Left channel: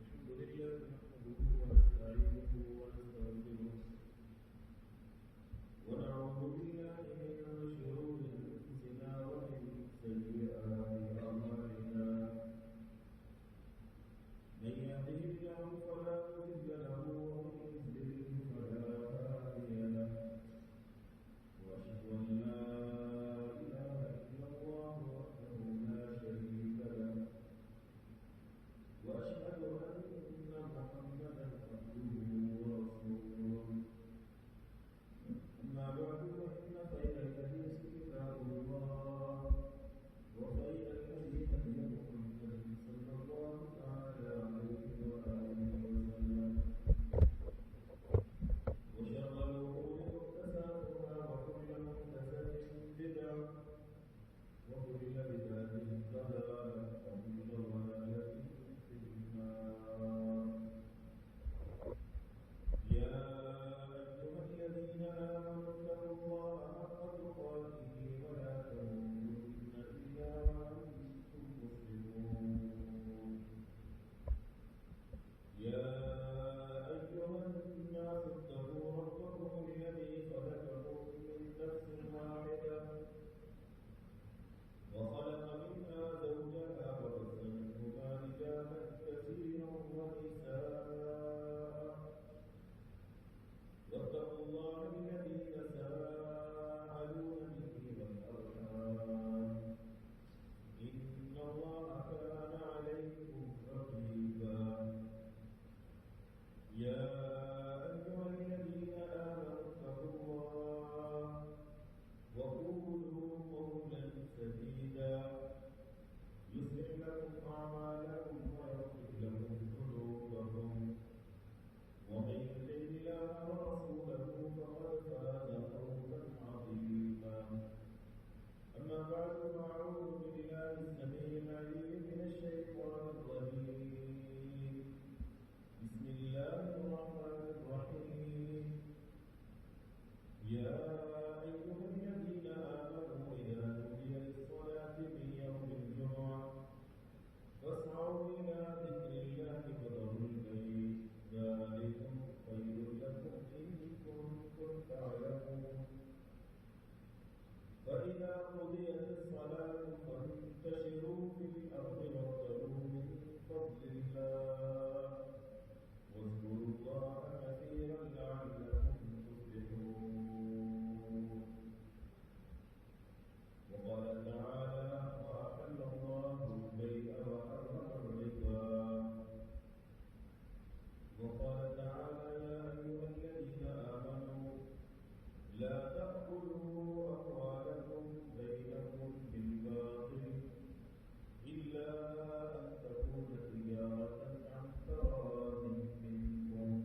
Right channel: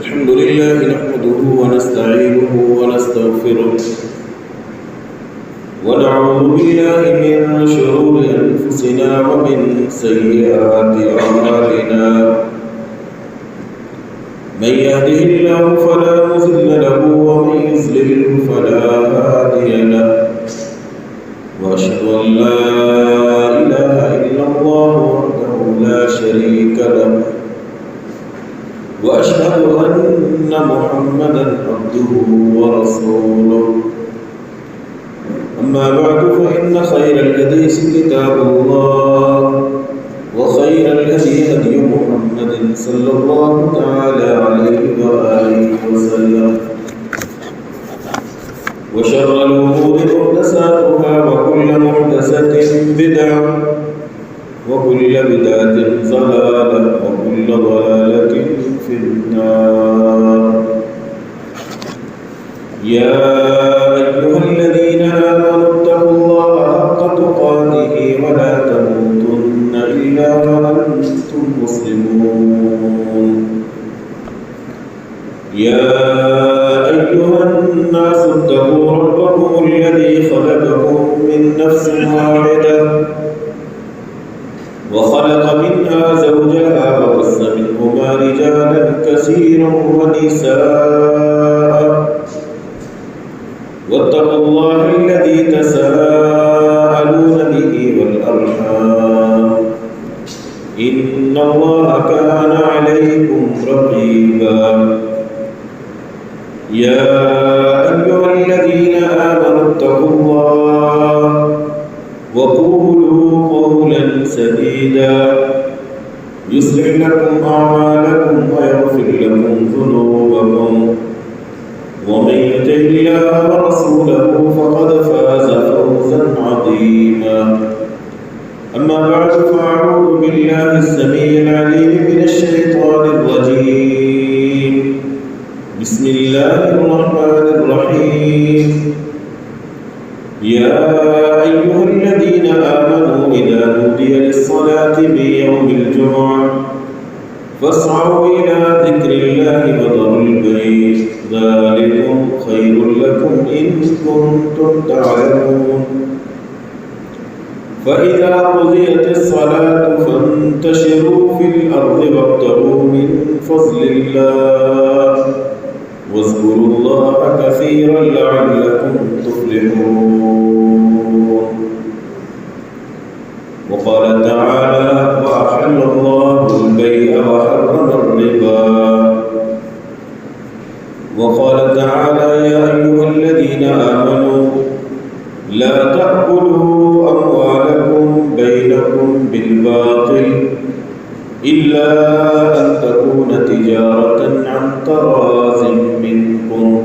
الحمد لله نحمده ونستعينه ونستغفره ونعوذ بالله من شرور أنفسنا ومن سيئات أعمالنا من يهده الله فلا مضل له ومن يضلل فلا هادي له وأشهد أن لا إله إلا الله وحده لا شريك له وأشهد أن محمدًا عبده ورسوله أما بعد فإن خير الحديث كتاب الله وخير الهدي هدي محمد صلى الله تعالى عليه وآله وسلم وشر الأمور محدثاتها وكل محدثة بدعة وكل بدعة ضلالة وكل ضلالة في النار يا أيها الذين آمنوا اتقوا الله حق تقاته ولا تموتن إلا وأنتم مسلمون يا أيها الناس اتقوا ربكم الذي خلقكم من نفس واحدة وخلق منها زوجها وبث منهما رجالا كثيرا ونساء واتقوا الله الذي تساءلون به والأرحام إن الله كان عليكم رقيبا يا أيها الذين آمنوا اتقوا الله وقولوا قولا سديدا يصلح لكم أعمالكم ويغفر لكم ذنوبكم ومن يطع الله ورسوله فقد فاز فوزا عظيما أما بعد فأعوذ بالله السميع العليم من الشيطان الرجيم بسم الله الرحمن الرحيم يا أيها الذين آمنوا إذا نودي للصلاة من يوم الجمعة فاسعوا إلى ذكر الله وذروا البيع ذلكم خير لكم إن كنتم تعلمون فإذا قضيت الصلاة فانتشروا في الأرض وابتغوا من فضل الله واذكروا الله كثيرا لعلكم تفلحون وقال تعالى وأحل الله البيع وحرم الربا وقال تعالى يا أيها الذين آمنوا لا تأكلوا أموالكم بينكم بالباطل إلا أن تكون تجارة عن تراض منكم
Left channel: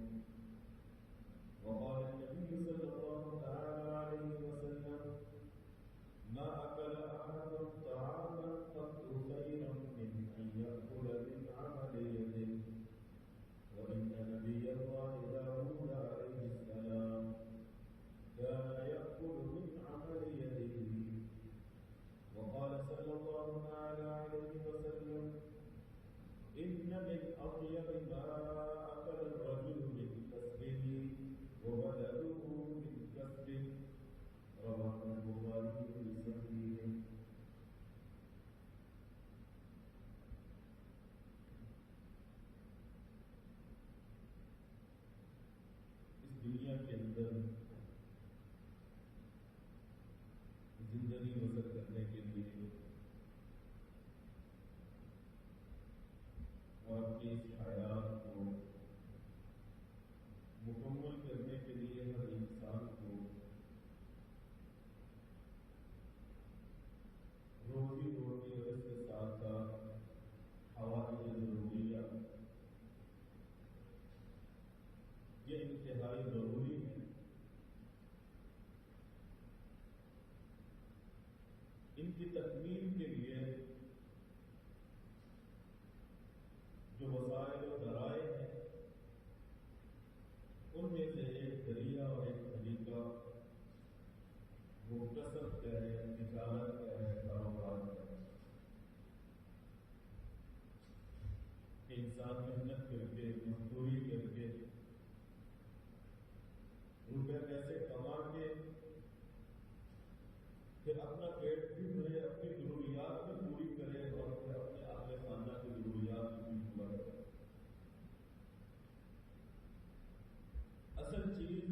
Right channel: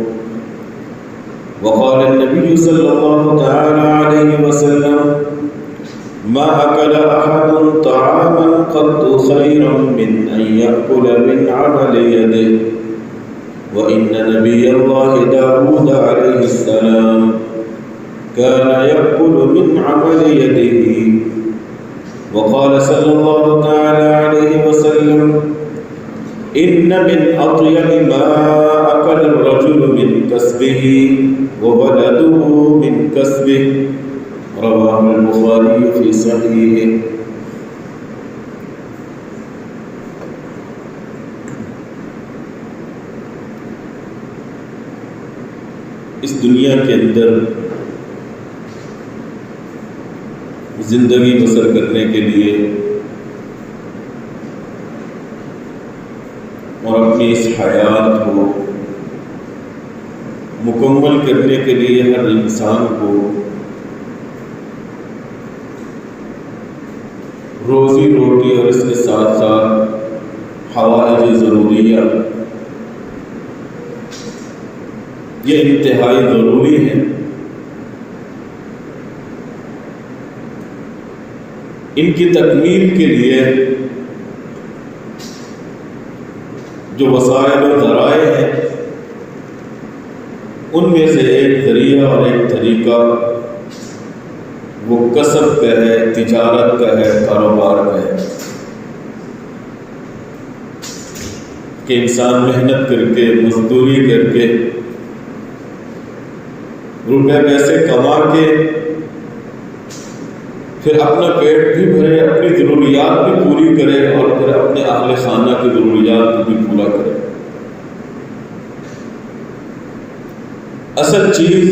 وقال النبي صلى الله تعالى عليه وسلم ما أكل أحد طعاما قط خيرا من أن يأكل من عمل يده وإن نبي الله داود عليه السلام كان يأكل من عمل يده وقال صلى الله تعالى عليه وسلم إن من أطيب ما أكل الرجل من كسبه وولده من كسبه رواه البخاري في صحيحه اس دنیا کے اندر زندگی بسر کرنے کے لیے اور اپنی اس حیات کو مکمل کرنے کے لیے ہر انسان کو روزی روٹی اور اس کے ساتھ ساتھ حوائج ضروریہ یہ انتہائی ضروری ہے۔ ان کی تکمیل کے لیے جو وسائل و ذرائع ہیں ان میں سے ایک ذریعہ اور ایک طریقہ وہ کسب کا ہے، تجارت کا ہے، کاروبار کا ہے۔ کہ انسان محنت کر کے مزدوری کر کے روپے پیسے کما کے پھر اپنا پیٹ بھی بھرے، اپنی ضروریات بھی پوری کرے اور پھر اپنے اہل خانہ کی ضروریات کو بھی پورا کرے۔ اصل چیز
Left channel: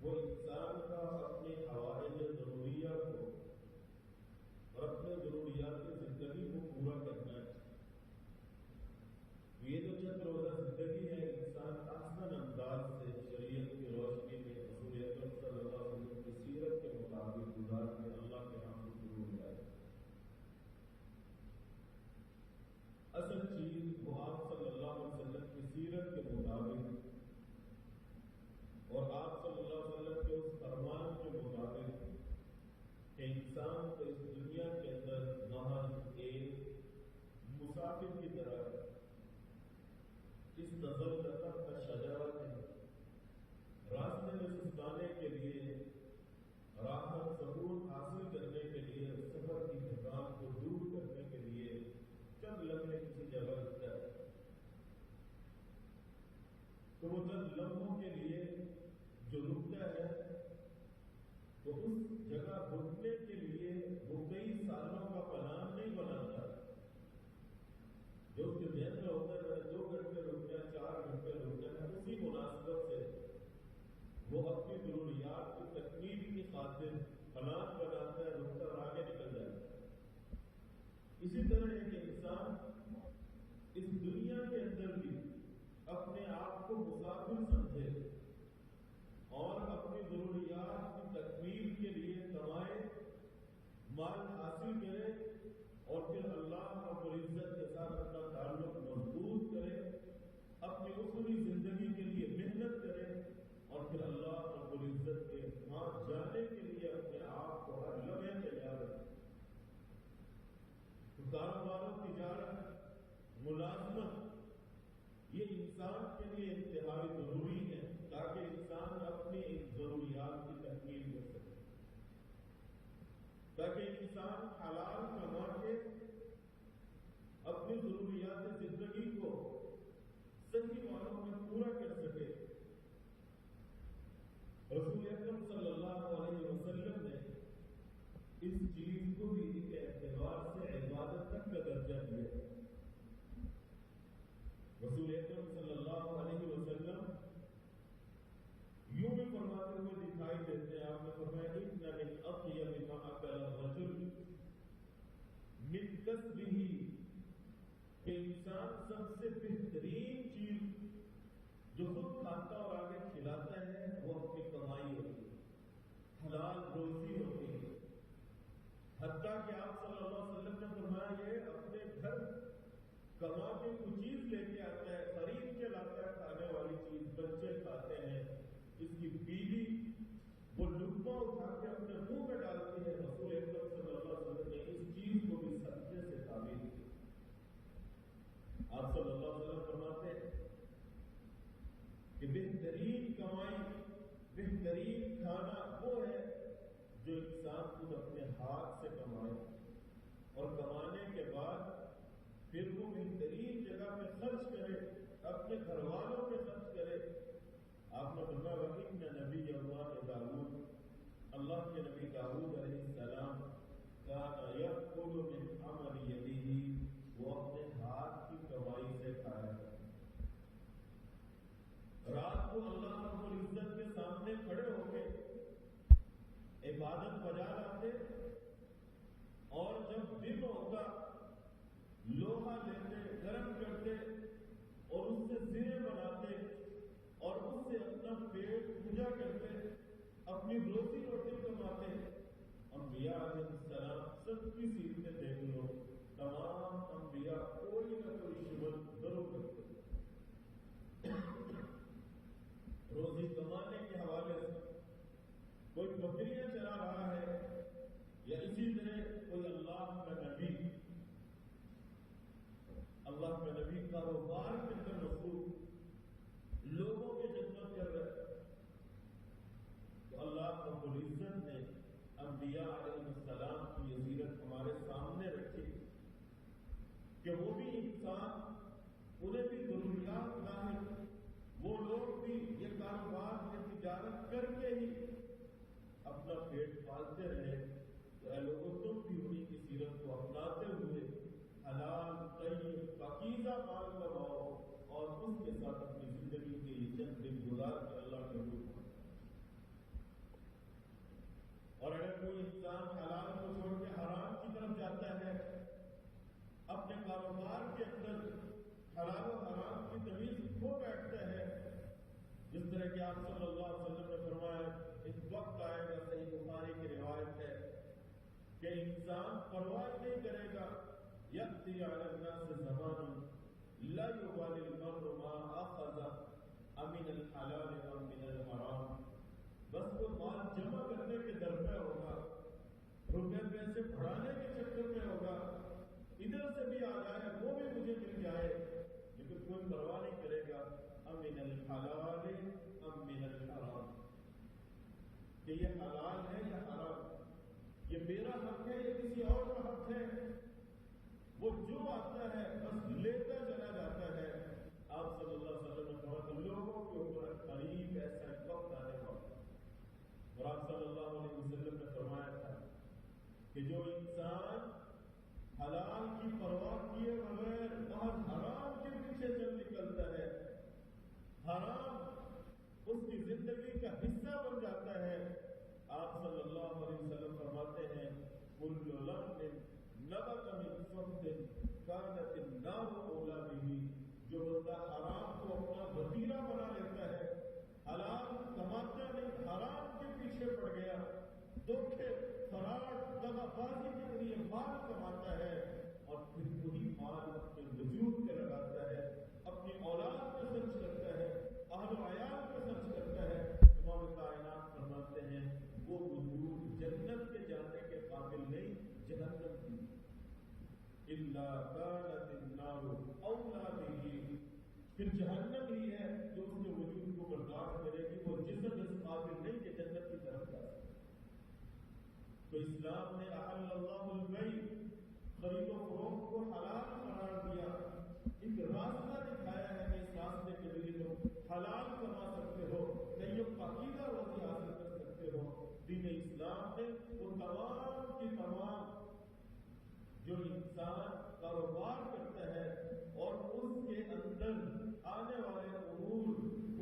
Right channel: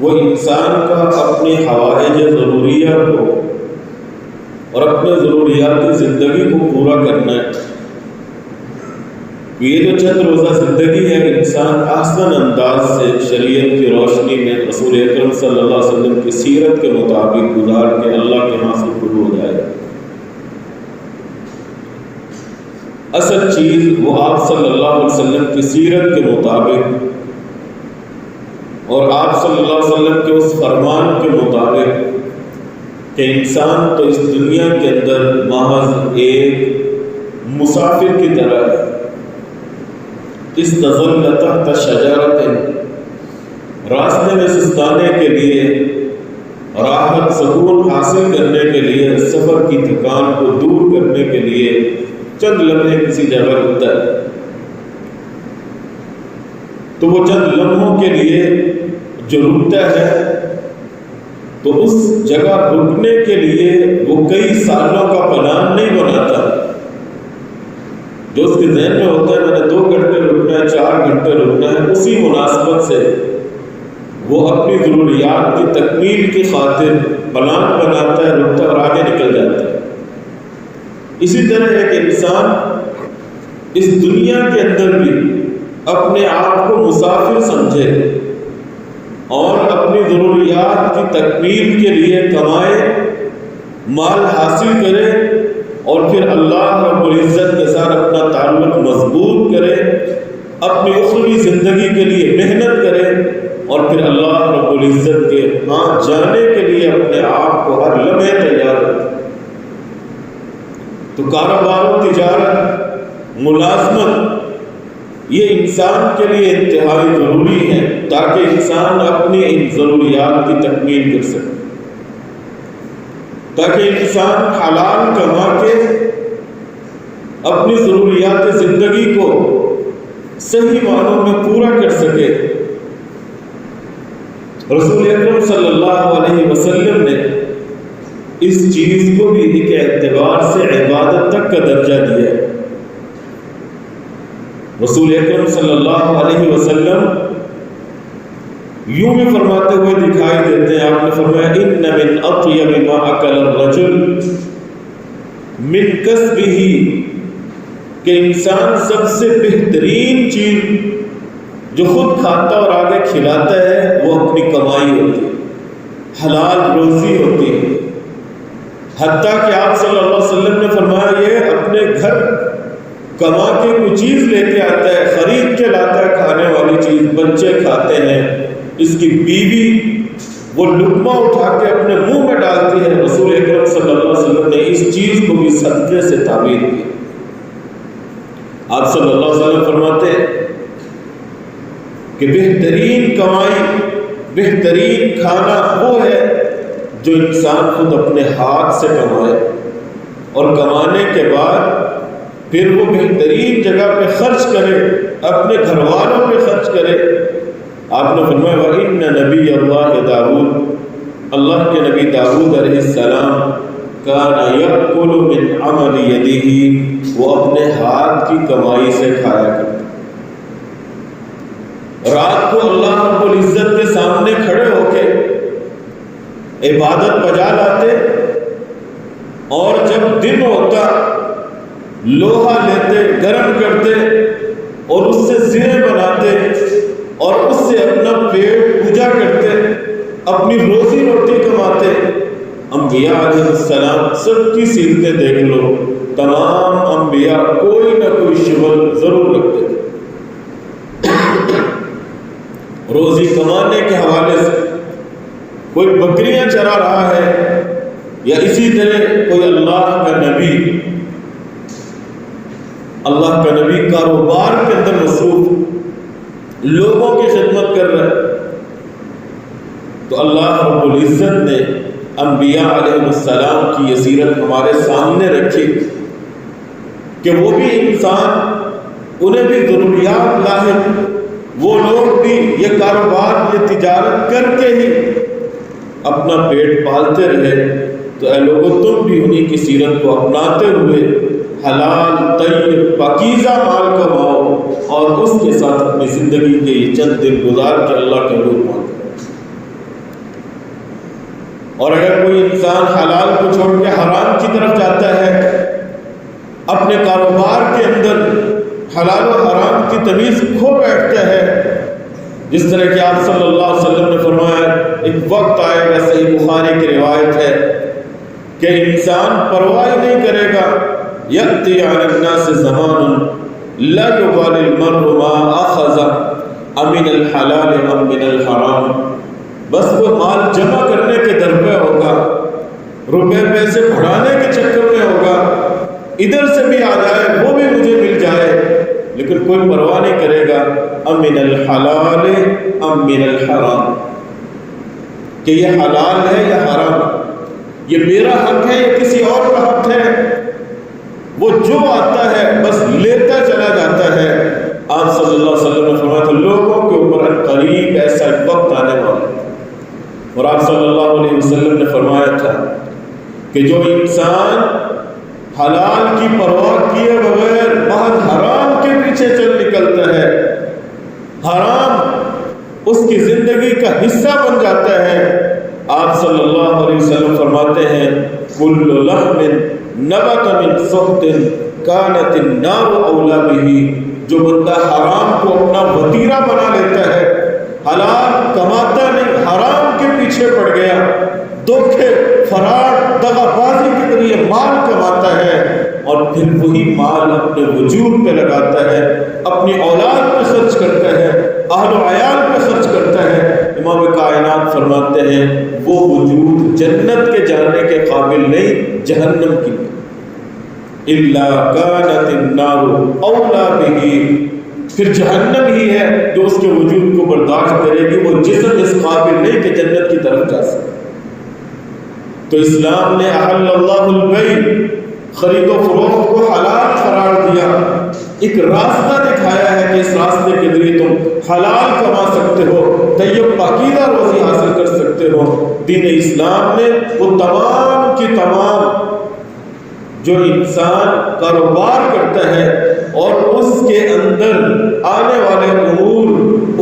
وہ انسان کا اپنی حوائج ضروریہ کو اور اپنے ضروریاتی زندگی کو پورا کرنا ہے۔ یہ جو چند روزہ زندگی ہے، انسان احسن انداز سے شریعت کی روشنی میں رسول اکرم صلی اللہ علیہ وسلم کی سیرت کے مطابق گزار کے اللہ کے ہاں سے قبول ہو جائے۔ اصل چیز وہ آپ صلی اللہ علیہ وسلم کی سیرت کے مطابق اور آپ صلی اللہ علیہ وسلم کے اس فرمان کے مطابق کہ انسان تو اس دنیا کے اندر محض ایک مسافر کی طرح ہے، استظل تحت شجرۃ، راستے میں سستانے کے لیے، راحت سکون حاصل کرنے کے لیے، سفر کی تھکان کو دور کرنے کے لیے چند لمحے کسی جگہ رکتا ہے، تو وہ چند لمحوں کے لیے جو رکتا ہے تو اس جگہ رکنے کے لیے وہ کئی سالوں کا پلان نہیں بناتا۔ جو اس کے ذہن میں ہوتا ہے میں نے 2 گھنٹے رکنا ہے، 4 گھنٹے رکنا ہے، اسی مناسبت سے وہ اپنی ضروریات کی تکمیل کی خاطر پلان بناتا ہے، رکتا ہے اور آگے نکل جاتا ہے۔ اسی طرح ایک انسان اس دنیا کے اندر بھی اپنے آپ کو مسافر سمجھے اور اپنی ضروریات کی تکمیل کے لیے کمائے، مال حاصل کرے اور پھر اللہ رب العزت کے ساتھ اپنا تعلق مضبوط کرے، اپنی اخروی زندگی کے لیے محنت کرے اور پھر اللہ رب العزت کے ہاں جانے کے لیے اپنے آپ کو ہر لمحے تیار رکھے۔ تو کاروبار و تجارت، ملازمت، یہ انسان کے لیے انتہائی ضروری ہے تاکہ انسان اپنی ان ضروریات کی تکمیل کر سکے، تاکہ انسان حلال کما کے اپنی ضروریات زندگی کو صحیح معنوں میں پورا کر سکے۔ رسول اکرم صلی اللہ علیہ وسلم نے اس چیز کو بھی ایک اعتبار سے عبادت تک کا درجہ دیا ہے۔ رسول اکرم صلی اللہ علیہ وسلم یوں بھی فرماتے ہوئے دکھائی دیتے ہیں، آپ نے فرمایا ان من اطیب ما اکل الرجل من کسبہ، کہ انسان سب سے بہترین چیز جو خود کھاتا اور آگے کھلاتا ہے وہ اپنی کمائی ہوتی ہے، حلال روزی ہوتی ہے۔ حتیٰ کہ آپ صلی اللہ علیہ وسلم نے فرمایا یہ اپنے گھر کما کے کوئی چیز لے کے آتا ہے، خرید کے لاتا ہے کھانے والی چیز، بچے کھاتے ہیں، اس کی بیوی وہ لقمہ اٹھا کے اپنے منہ میں ڈالتی ہے، رسول اکرم صلی اللہ علیہ وسلم نے اس چیز کو بھی صدقے سے تعبیر کی۔ آپ صلی اللہ علیہ وسلم فرماتے ہیں کہ بہترین کمائی، بہترین کھانا وہ ہے جو انسان خود اپنے ہاتھ سے کمائے اور کمانے کے بعد پھر وہ بہترین جگہ پہ خرچ کرے، اپنے گھر والوں پہ خرچ کرے۔ آپ نے فرمایا وَإِنَّ نَبِيَّ اللَّهِ داؤد، اللہ کے نبی داؤد علیہ السلام كَانَ يَأْكُلُ مِنْ عَمَلِ يَدِهِ، وہ اپنے ہاتھ کی کمائی سے کھایا کرتے، رات کو اللہ رب العزت کے سامنے کھڑے ہو کے عبادت بجا لاتے اور جب دن ہوتا لوہا لیتے، گرم کرتے اور اس سے زرے بناتے اور اس سے اپنا پیٹ پوجا کرتے، اپنی روزی روٹی کماتے۔ انبیاء علیہ السلام سب کی سیرتیں دیکھ لو، تمام انبیاء کوئی نہ کوئی شغل ضرور رکھتے تھے۔ روزی کمانے کے حوالے سے کوئی بکریاں چرا رہا ہے یا اسی طرح کوئی اللہ کا نبی کاروبار کے اندر مصروف، لوگوں کی خدمت کر رہا ہے، تو اللہ رب العزت نے انبیاء علیہ السلام کی یہ سیرت ہمارے سامنے رکھی کہ وہ بھی انسان، انہیں بھی ضروریات لاحق، وہ لوگ بھی یہ کاروبار یہ تجارت کر کے ہی اپنا پیٹ پالتے رہے، تو اے لوگوں تم بھی انہی کی سیرت کو اپناتے ہوئے حلال طیب پاکیزہ مال کماؤ اور اس کے ساتھ اپنی زندگی کے یہ چند دن گزار کے اللہ کے حضور مانگو۔ اور اگر کوئی انسان حلال کو چھوڑ کے حرام کی طرف جاتا ہے، اپنے کاروبار کے اندر حلال و حرام کی تمیز کھو بیٹھتا ہے، جس طرح کہ آپ صلی اللہ علیہ وسلم نے فرمایا ایک وقت آئے گا، صحیح بخاری کی روایت ہے کہ انسان پرواہ نہیں کرے گا، یأتی علی الناس زمان لا یبالی المرء ما اخذ امن الحلال ام من الحرام، بس وہ مال جمع کرنے کے درپے ہوگا، روپے پیسے بڑھانے کے چکر میں ہوگا، ادھر سے بھی آ جائے وہ بھی مجھے مل جائے، لیکن کوئی پرواہ نہیں کرے گا امن الحلال ام من الحرام، کہ یہ حلال ہے یا حرام، یہ میرا حق ہے یا کسی اور کا حق ہے، وہ جو آتا ہے بس لیتا چلا جاتا ہے۔ آپ صلی اللہ علیہ وسلم نے فرمایا تھا لوگوں کے اوپر قریب ایسا وقت آنے والا، اور آپ صلی اللہ علیہ وسلم نے فرمایا تھا کہ جو انسان حلال کی پرواہ کیے بغیر محض حرام کے پیچھے چل نکلتا ہے، حرام اس کی زندگی کا حصہ بن جاتا ہے، آپ صلی اللہ علیہ وسلم فرماتے ہیں کل لحم نبت من سخط کانت النار اولا بہ، جو بندہ حرام کو اپنا وتیرہ بنا لیتا ہے، حلال کماتا نہیں حرام کے پیچھے پڑ گیا، دھوکے فراڈ دغا بازی کے ذریعے مال کماتا ہے اور پھر وہی مال اپنے وجود پہ لگاتا ہے، اپنی اولاد پہ خرچ کرتا ہے، اہل و عیال پہ خرچ کرتا ہے، امام کائنات فرماتے ہیں وہ وجود جنت کے جانے کے قابل نہیں، جہنم کی، الا کانت النار اولا بہ، پھر جہنم ہی ہے جو اس کے وجود کو برداشت کرے گی، وہ جسم اس قابل نہیں کہ جنت کی طرف جا سکے۔ تو اسلام نے احل اللہ البیع، خرید و فروخت کو حلال قرار دیا، ایک راستہ دکھایا ہے کہ اس راستے کے ذریعے تم حلال کما سکتے ہو، طیب پاکیزہ روزی حاصل کر سکتے ہو۔ دین اسلام نے وہ تمام کی تمام جو انسان کاروبار کرتا ہے اور اس کے اندر آنے والے امور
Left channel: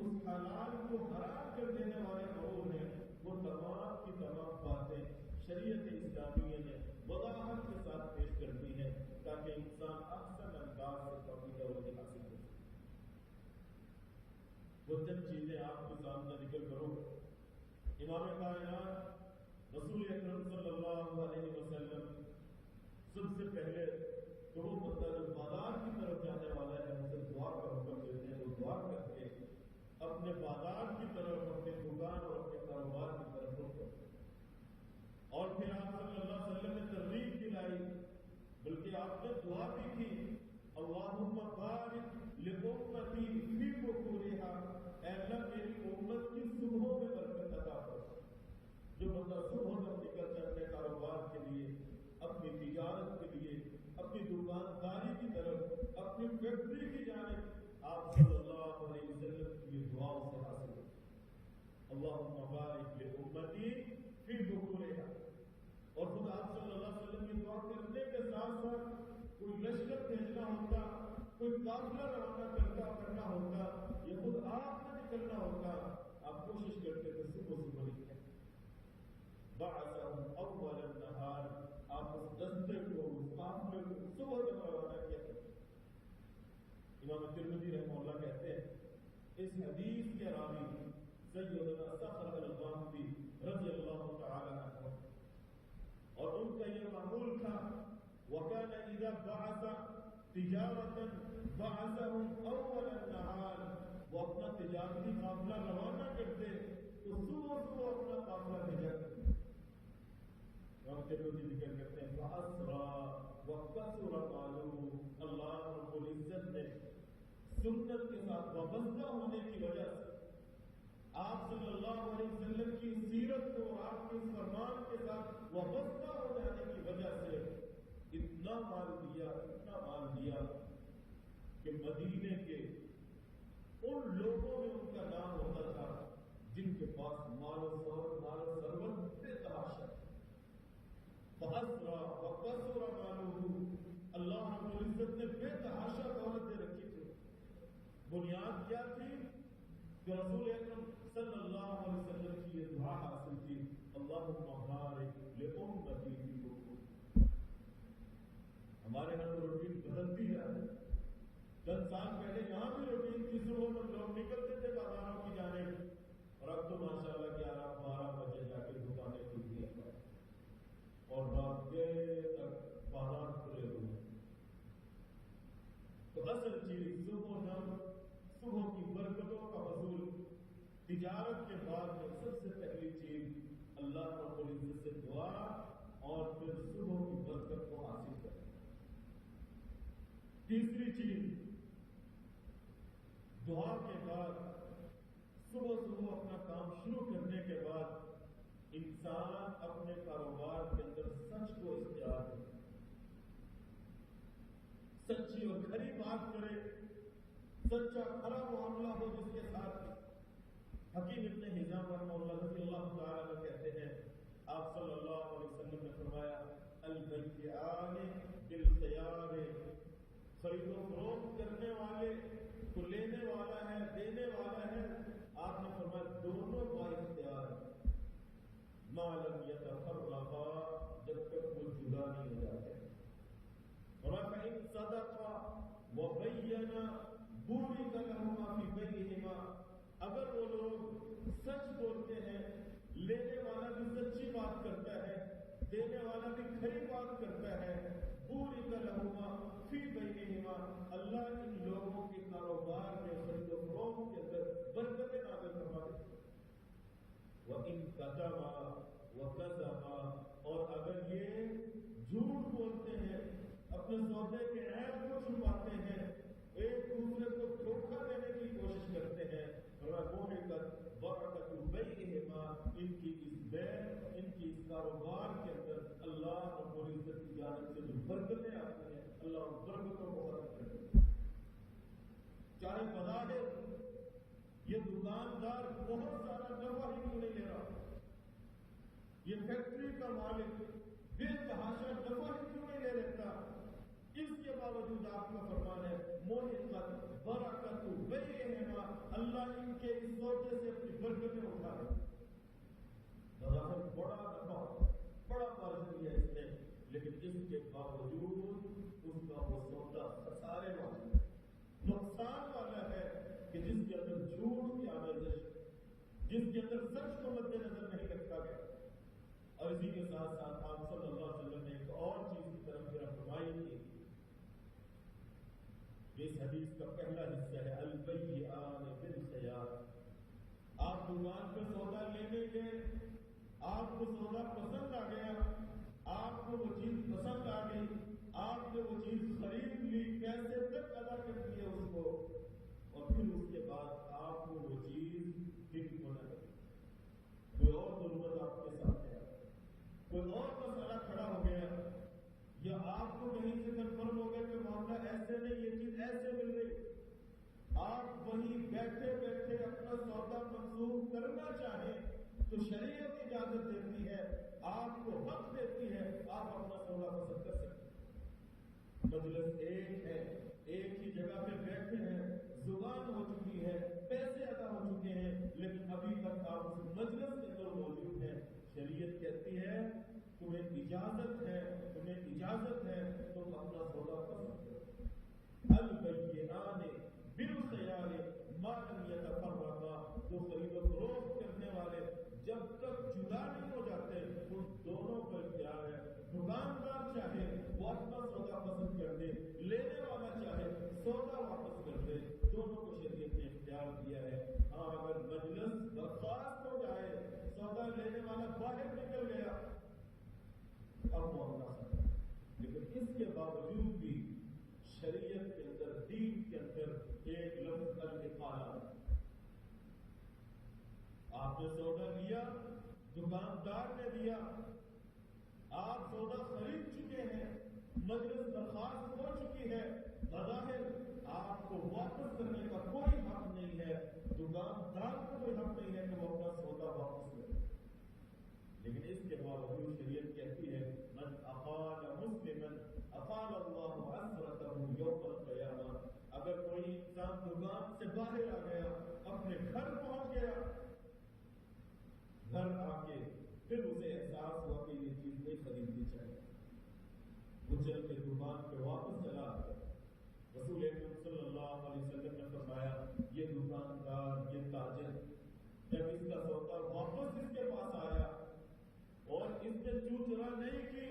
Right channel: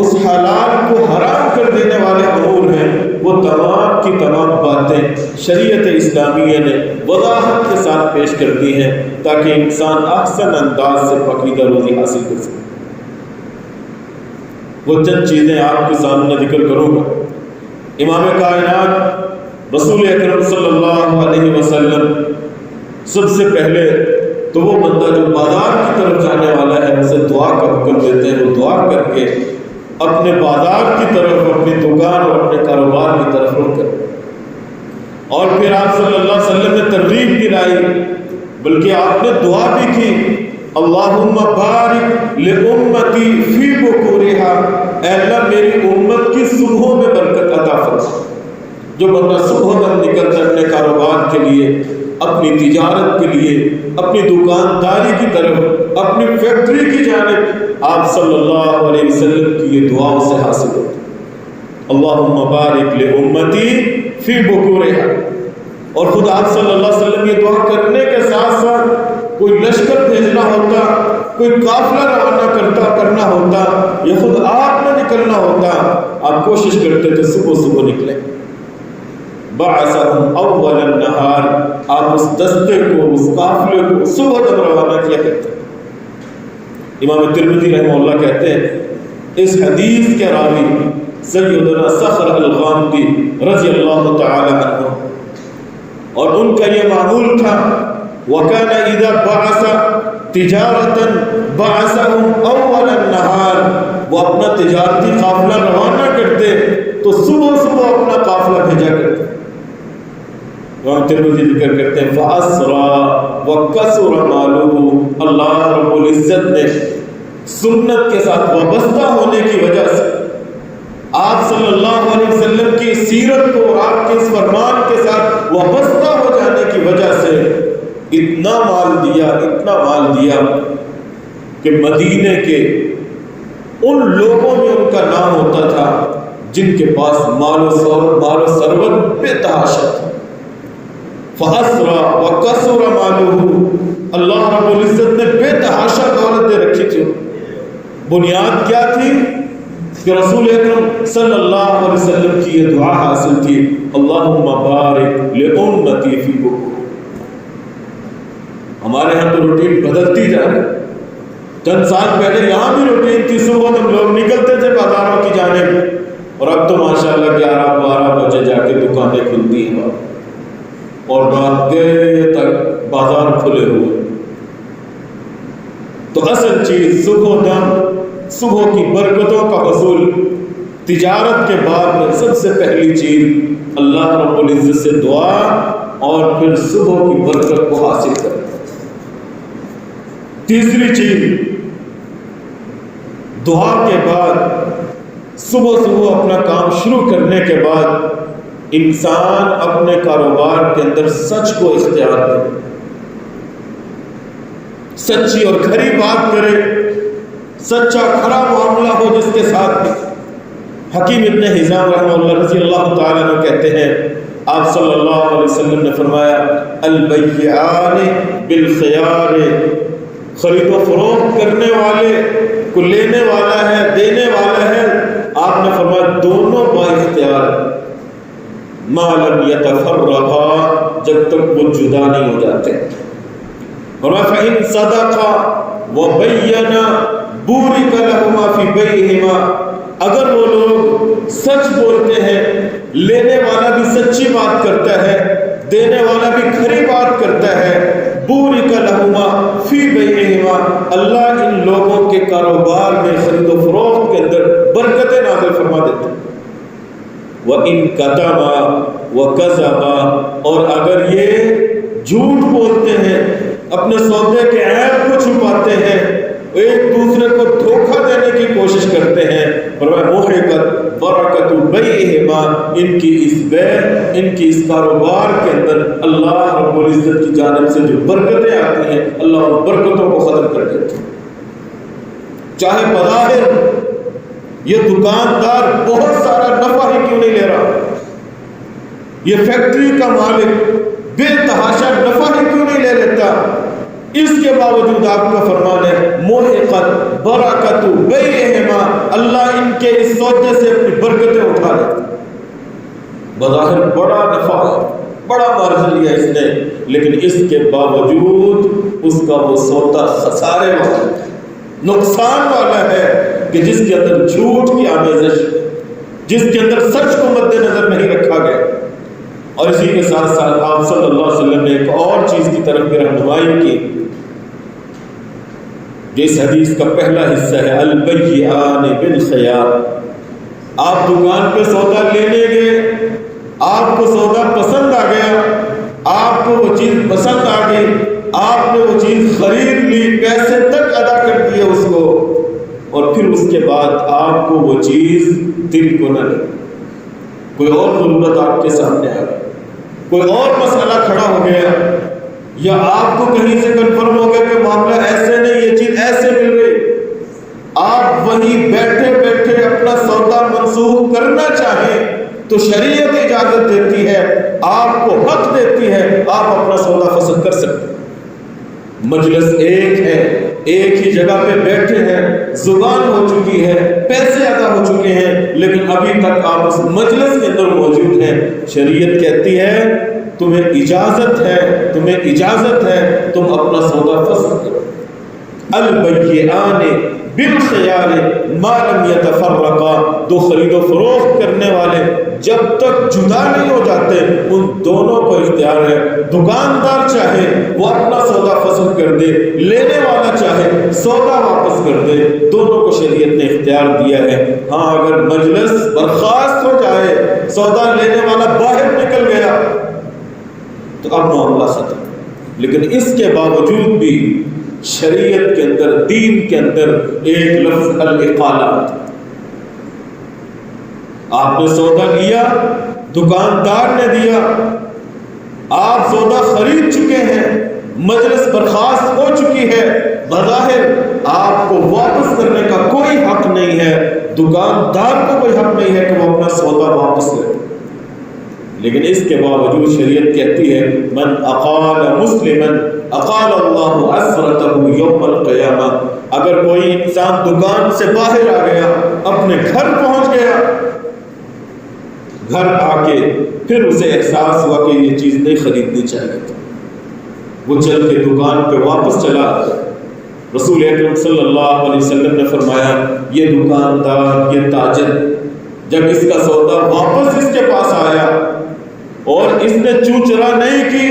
اس حلال کو حرام کر دینے والے امور ہیں، وہ تمام کی تمام باتیں شریعت اسلامیہ نے وضاحت کے ساتھ پیش کر دی ہیں تاکہ انسان احسن انداز سے پاکیزہ روزی حاصل کر سکے۔ وہ چند چیزیں آپ کے سامنے ذکر کروں گا۔ امام کائنات رسول اکرم صلی اللہ علیہ وسلم سب سے پہلے تو وہ بندہ جو بازار کی طرف جانے والا ہے اسے دعا کا حکم دیتے ہیں، وہ دعا کر کے اپنے بازار کی طرف، اپنی دکان اور اپنے کاروبار کی طرف رخ کر، اور پھر آپ صلی اللہ علیہ وسلم نے ترغیب دلائی، بلکہ آپ نے دعا بھی کی اللہم بارک لامتی فی بکورہا، اے اللہ میری امت کی صبحوں میں برکت عطا فرما۔ جو بندہ صبح دم نکلتا ہے اپنے کاروبار کے لیے، اپنی تجارت کے لیے، اپنی دکانداری کی طرف، اپنی فیکٹری کی جانب، آپ صلی اللہ علیہ وسلم کی یہ دعا سے حاصل ہوتی ہے اللہم بارک لامتی فی بکورہا۔ اور خود آپ صلی اللہ علیہ وسلم یہ دعا کرنے کے ساتھ ساتھ کوئی لشکر بھیجنا ہوتا، کوئی قافلہ روانہ کرنا ہوتا یا خود آپ نے نکلنا ہوتا، آپ کوشش کرتے تھے صبح نکلیں۔ بعثہم اول النہار، آپ اس دستے کو، اس قافلے کو صبح تک روانہ کیا کرتے۔ امام ترمذی رحمہ اللہ کہتے ہیں اس حدیث کے راوی سیدنا صخر الغامدی رضی اللہ تعالی عنہ، اور ان کا یہ معمول تھا وَكَانَ إِذَا بَعَثَ تِجَارَةً بَعَثَهُمْ أَوَّلَ النَّهَارِ، وہ اپنا تجارتی قافلہ روانہ کرتے تو صبح اپنا قافلہ بھیجا کرتے۔ امام ترمذی ذکر کرتے ہیں فَأَسْرَى وَكَسُرَ مَالُهُ، اللہ رب العزت نے سنت کے ساتھ وابستہ ہونے کی وجہ سے، آپ صلی اللہ علیہ وسلم کی سیرت کو اور آپ کے اس فرمان کے ساتھ وابستہ ہو جانے کی وجہ سے اتنا مال دیا کہ مدینے کے ان لوگوں میں ان کا نام ہوتا تھا جن کے پاس مال و ثروت بے تحاشا تھا۔ فَأَسْرَى وَكَسُرَ مَالُهُ، اللہ رب العزت نے بے تحاشا دولت دے رکھی تھی۔ بنیاد کیا تھی کہ رسول اکرم صلی اللہ علیہ وسلم کی یہ دعا حاصل تھی، اللہم بارک لأمتی فی بکر۔ ہمارے ہاں تو روٹین بدلتی جا رہی، چند سال پہلے یہاں بھی روٹین تھی، صبح ہم لوگ نکلتے تھے بازاروں کی جانب، اور اب تو ماشاءاللہ 11-12 بجے جا کے دکانیں کھلتی ہیں اور رات دیر تک بازار کھلے ہوئے۔ تو اصل چیز صبح کی برکتوں کا حصول، تجارت کے بعد میں سب سے پہلی چیز اللہ رب العزت سے دعا اور پھر صبح کی برکت کو حاصل کرنا۔ تیسری چیز، دعا کے بعد صبح اپنا کام شروع کرنے کے بعد انسان اپنے کاروبار کے اندر سچ کو اختیار کرے، سچی اور کھری بات کرے، سچا کھرا معاملہ ہو جس کے ساتھ بھی۔ حکیم ابن حزام رحمہ اللہ رضی اللہ تعالیٰ عنہ کہتے ہیں، آپ صلی اللہ علیہ وسلم نے فرمایا البیعان بالخیار، خرید و فروخت کرنے والے کو لینے والا ہے، دینے والا ہے، آپ نے فرمایا دونوں با اختیار ما لم یتفرقا، جب تک وہ جدا نہیں ہو جاتے۔ فرمایا فإن صدقا وبینا بورک لہما فی بیعہما، اگر وہ لوگ سچ بولتے ہیں، لینے والا بھی سچی بات کرتا ہے، دینے والا بھی کھری بات کرتا ہے، بورک لہما فی بیعہما، اللہ ان لوگوں کے کاروبار میں، خرید و فروخت کے اندر برکتیں نازل فرما دیتے ہیں۔ وَإِن كَتَمَا وَكَذَبَا، اور اگر یہ جھوٹ بولتے ہیں، اپنے سودے کے عیب کو چھپاتے ہیں، ایک دوسرے کو دھوکہ دینے کی کوشش کرتے ہیں، فرمایا محقت برکت بیعہما، ان کی اس بیع، ان کی اس کاروبار کے اندر اللہ رب العزت کی جانب سے جو برکتیں آتی ہیں، اللہ ان برکتوں کو ختم کر دیتے ہیں۔ چاہے بظاہر یہ دکاندار بہت سارا نفع ہی کیوں نہیں لے رہا، یہ فیکٹری کا مالک بے تحاشا نفع ہی کیوں نہیں لے لیتا، اس کے باوجود آپ کا فرمان ہے محقت برکت بیعہما، اللہ ان کے اس سودے سے اپنی برکتیں اٹھا لیتے۔ بظاہر بڑا نفع ہے، بڑا مارجن لیا اس نے، لیکن اس کے باوجود اس کا وہ سودا خسارے والا ہے، نقصان والا ہے، کہ جس کے اندر جھوٹ کی آمیزش، جس کے اندر سچ کو مد نظر نہیں رکھا گیا۔ اور اسی کے ساتھ ساتھ آپ صلی اللہ علیہ وسلم نے ایک اور چیز کی طرف بھی رہنمائی کی، جس حدیث کا پہلا حصہ ہے البیعان بالخیار۔ آپ دکان پہ سودا لینے گئے، آپ کو سودا پسند آ گیا، آپ کو وہ چیز پسند آ گئی، آپ نے وہ چیز خرید لی، پیسے تک ادا کر دیے اس کو، اور پھر اس کے بعد آپ کو وہ چیز دل کو نہ لگی، کوئی اور ضرورت آپ کے سامنے آ گئی، کوئی اور مسئلہ کھڑا ہو گیا، یا آپ کو کہیں سے کنفرم ہو گیا کہ معاملہ ایسے نہیں، یہ چیز ایسے مل رہی، آپ وہیں بیٹھے بیٹھے اپنا سودا منسوخ کرنا چاہیں تو شریعت اجازت دیتی ہے، آپ کو حق دیتی ہے، آپ اپنا سودا فسخ کر سکتے ہیں۔ مجلس ایک ہے، ایک ہی جگہ پہ بیٹھے ہیں، زبان ہو چکی ہے، پیسے ادا ہو چکے ہیں، لیکن ابھی تک آپ اس مجلس کے اندر موجود ہیں، شریعت کہتی ہے تمہیں اجازت ہے تم اپنا سودا فسخ کرو۔ البیعان بالخیار ما لم یتفرقا، دو خرید و فروخت کرنے والے جب تک جدا نہیں ہو جاتے ان دونوں کو اختیار ہے، دکاندار چاہے وہ اپنا سودا فسخ کر دے، لینے والا چاہے سودا واپس کر دے، دونوں کو شریعت نے اختیار دیا ہے۔ ہاں اگر مجلس برخاست ہو جائے، سودا لینے والا باہر نکل گیا تو اب معاملہ ختم، لیکن اس کے باوجود بھی شریعت کے اندر، دین کے اندر ایک لفظ الاقالات، آپ نے سودا لیا، دکاندار نے دیا، آپ سودا خرید چکے ہیں، مجلس برخاست ہو چکی ہے، بظاہر آپ کو واپس کرنے کا کوئی حق نہیں ہے، دکاندار کو کوئی حق نہیں ہے کہ وہ اپنا سودا واپس لے، لیکن اس کے باوجود شریعت کہتی ہے من اقال مسلما اقال اللہ عثرته یوم القیامہ، اگر کوئی انسان دکان سے باہر آ گیا، اپنے گھر پہنچ گیا، گھر آ کے پھر اسے احساس ہوا کہ یہ چیز نہیں خریدنی چاہیے، وہ چل کے دکان پہ واپس چلا آیا، رسول اکرم صلی اللہ علیہ وسلم نے فرمایا یہ دکاندار، یہ تاجر جب اس کا سودا واپس اس کے پاس آیا اور اس نے چوچرا نہیں کی،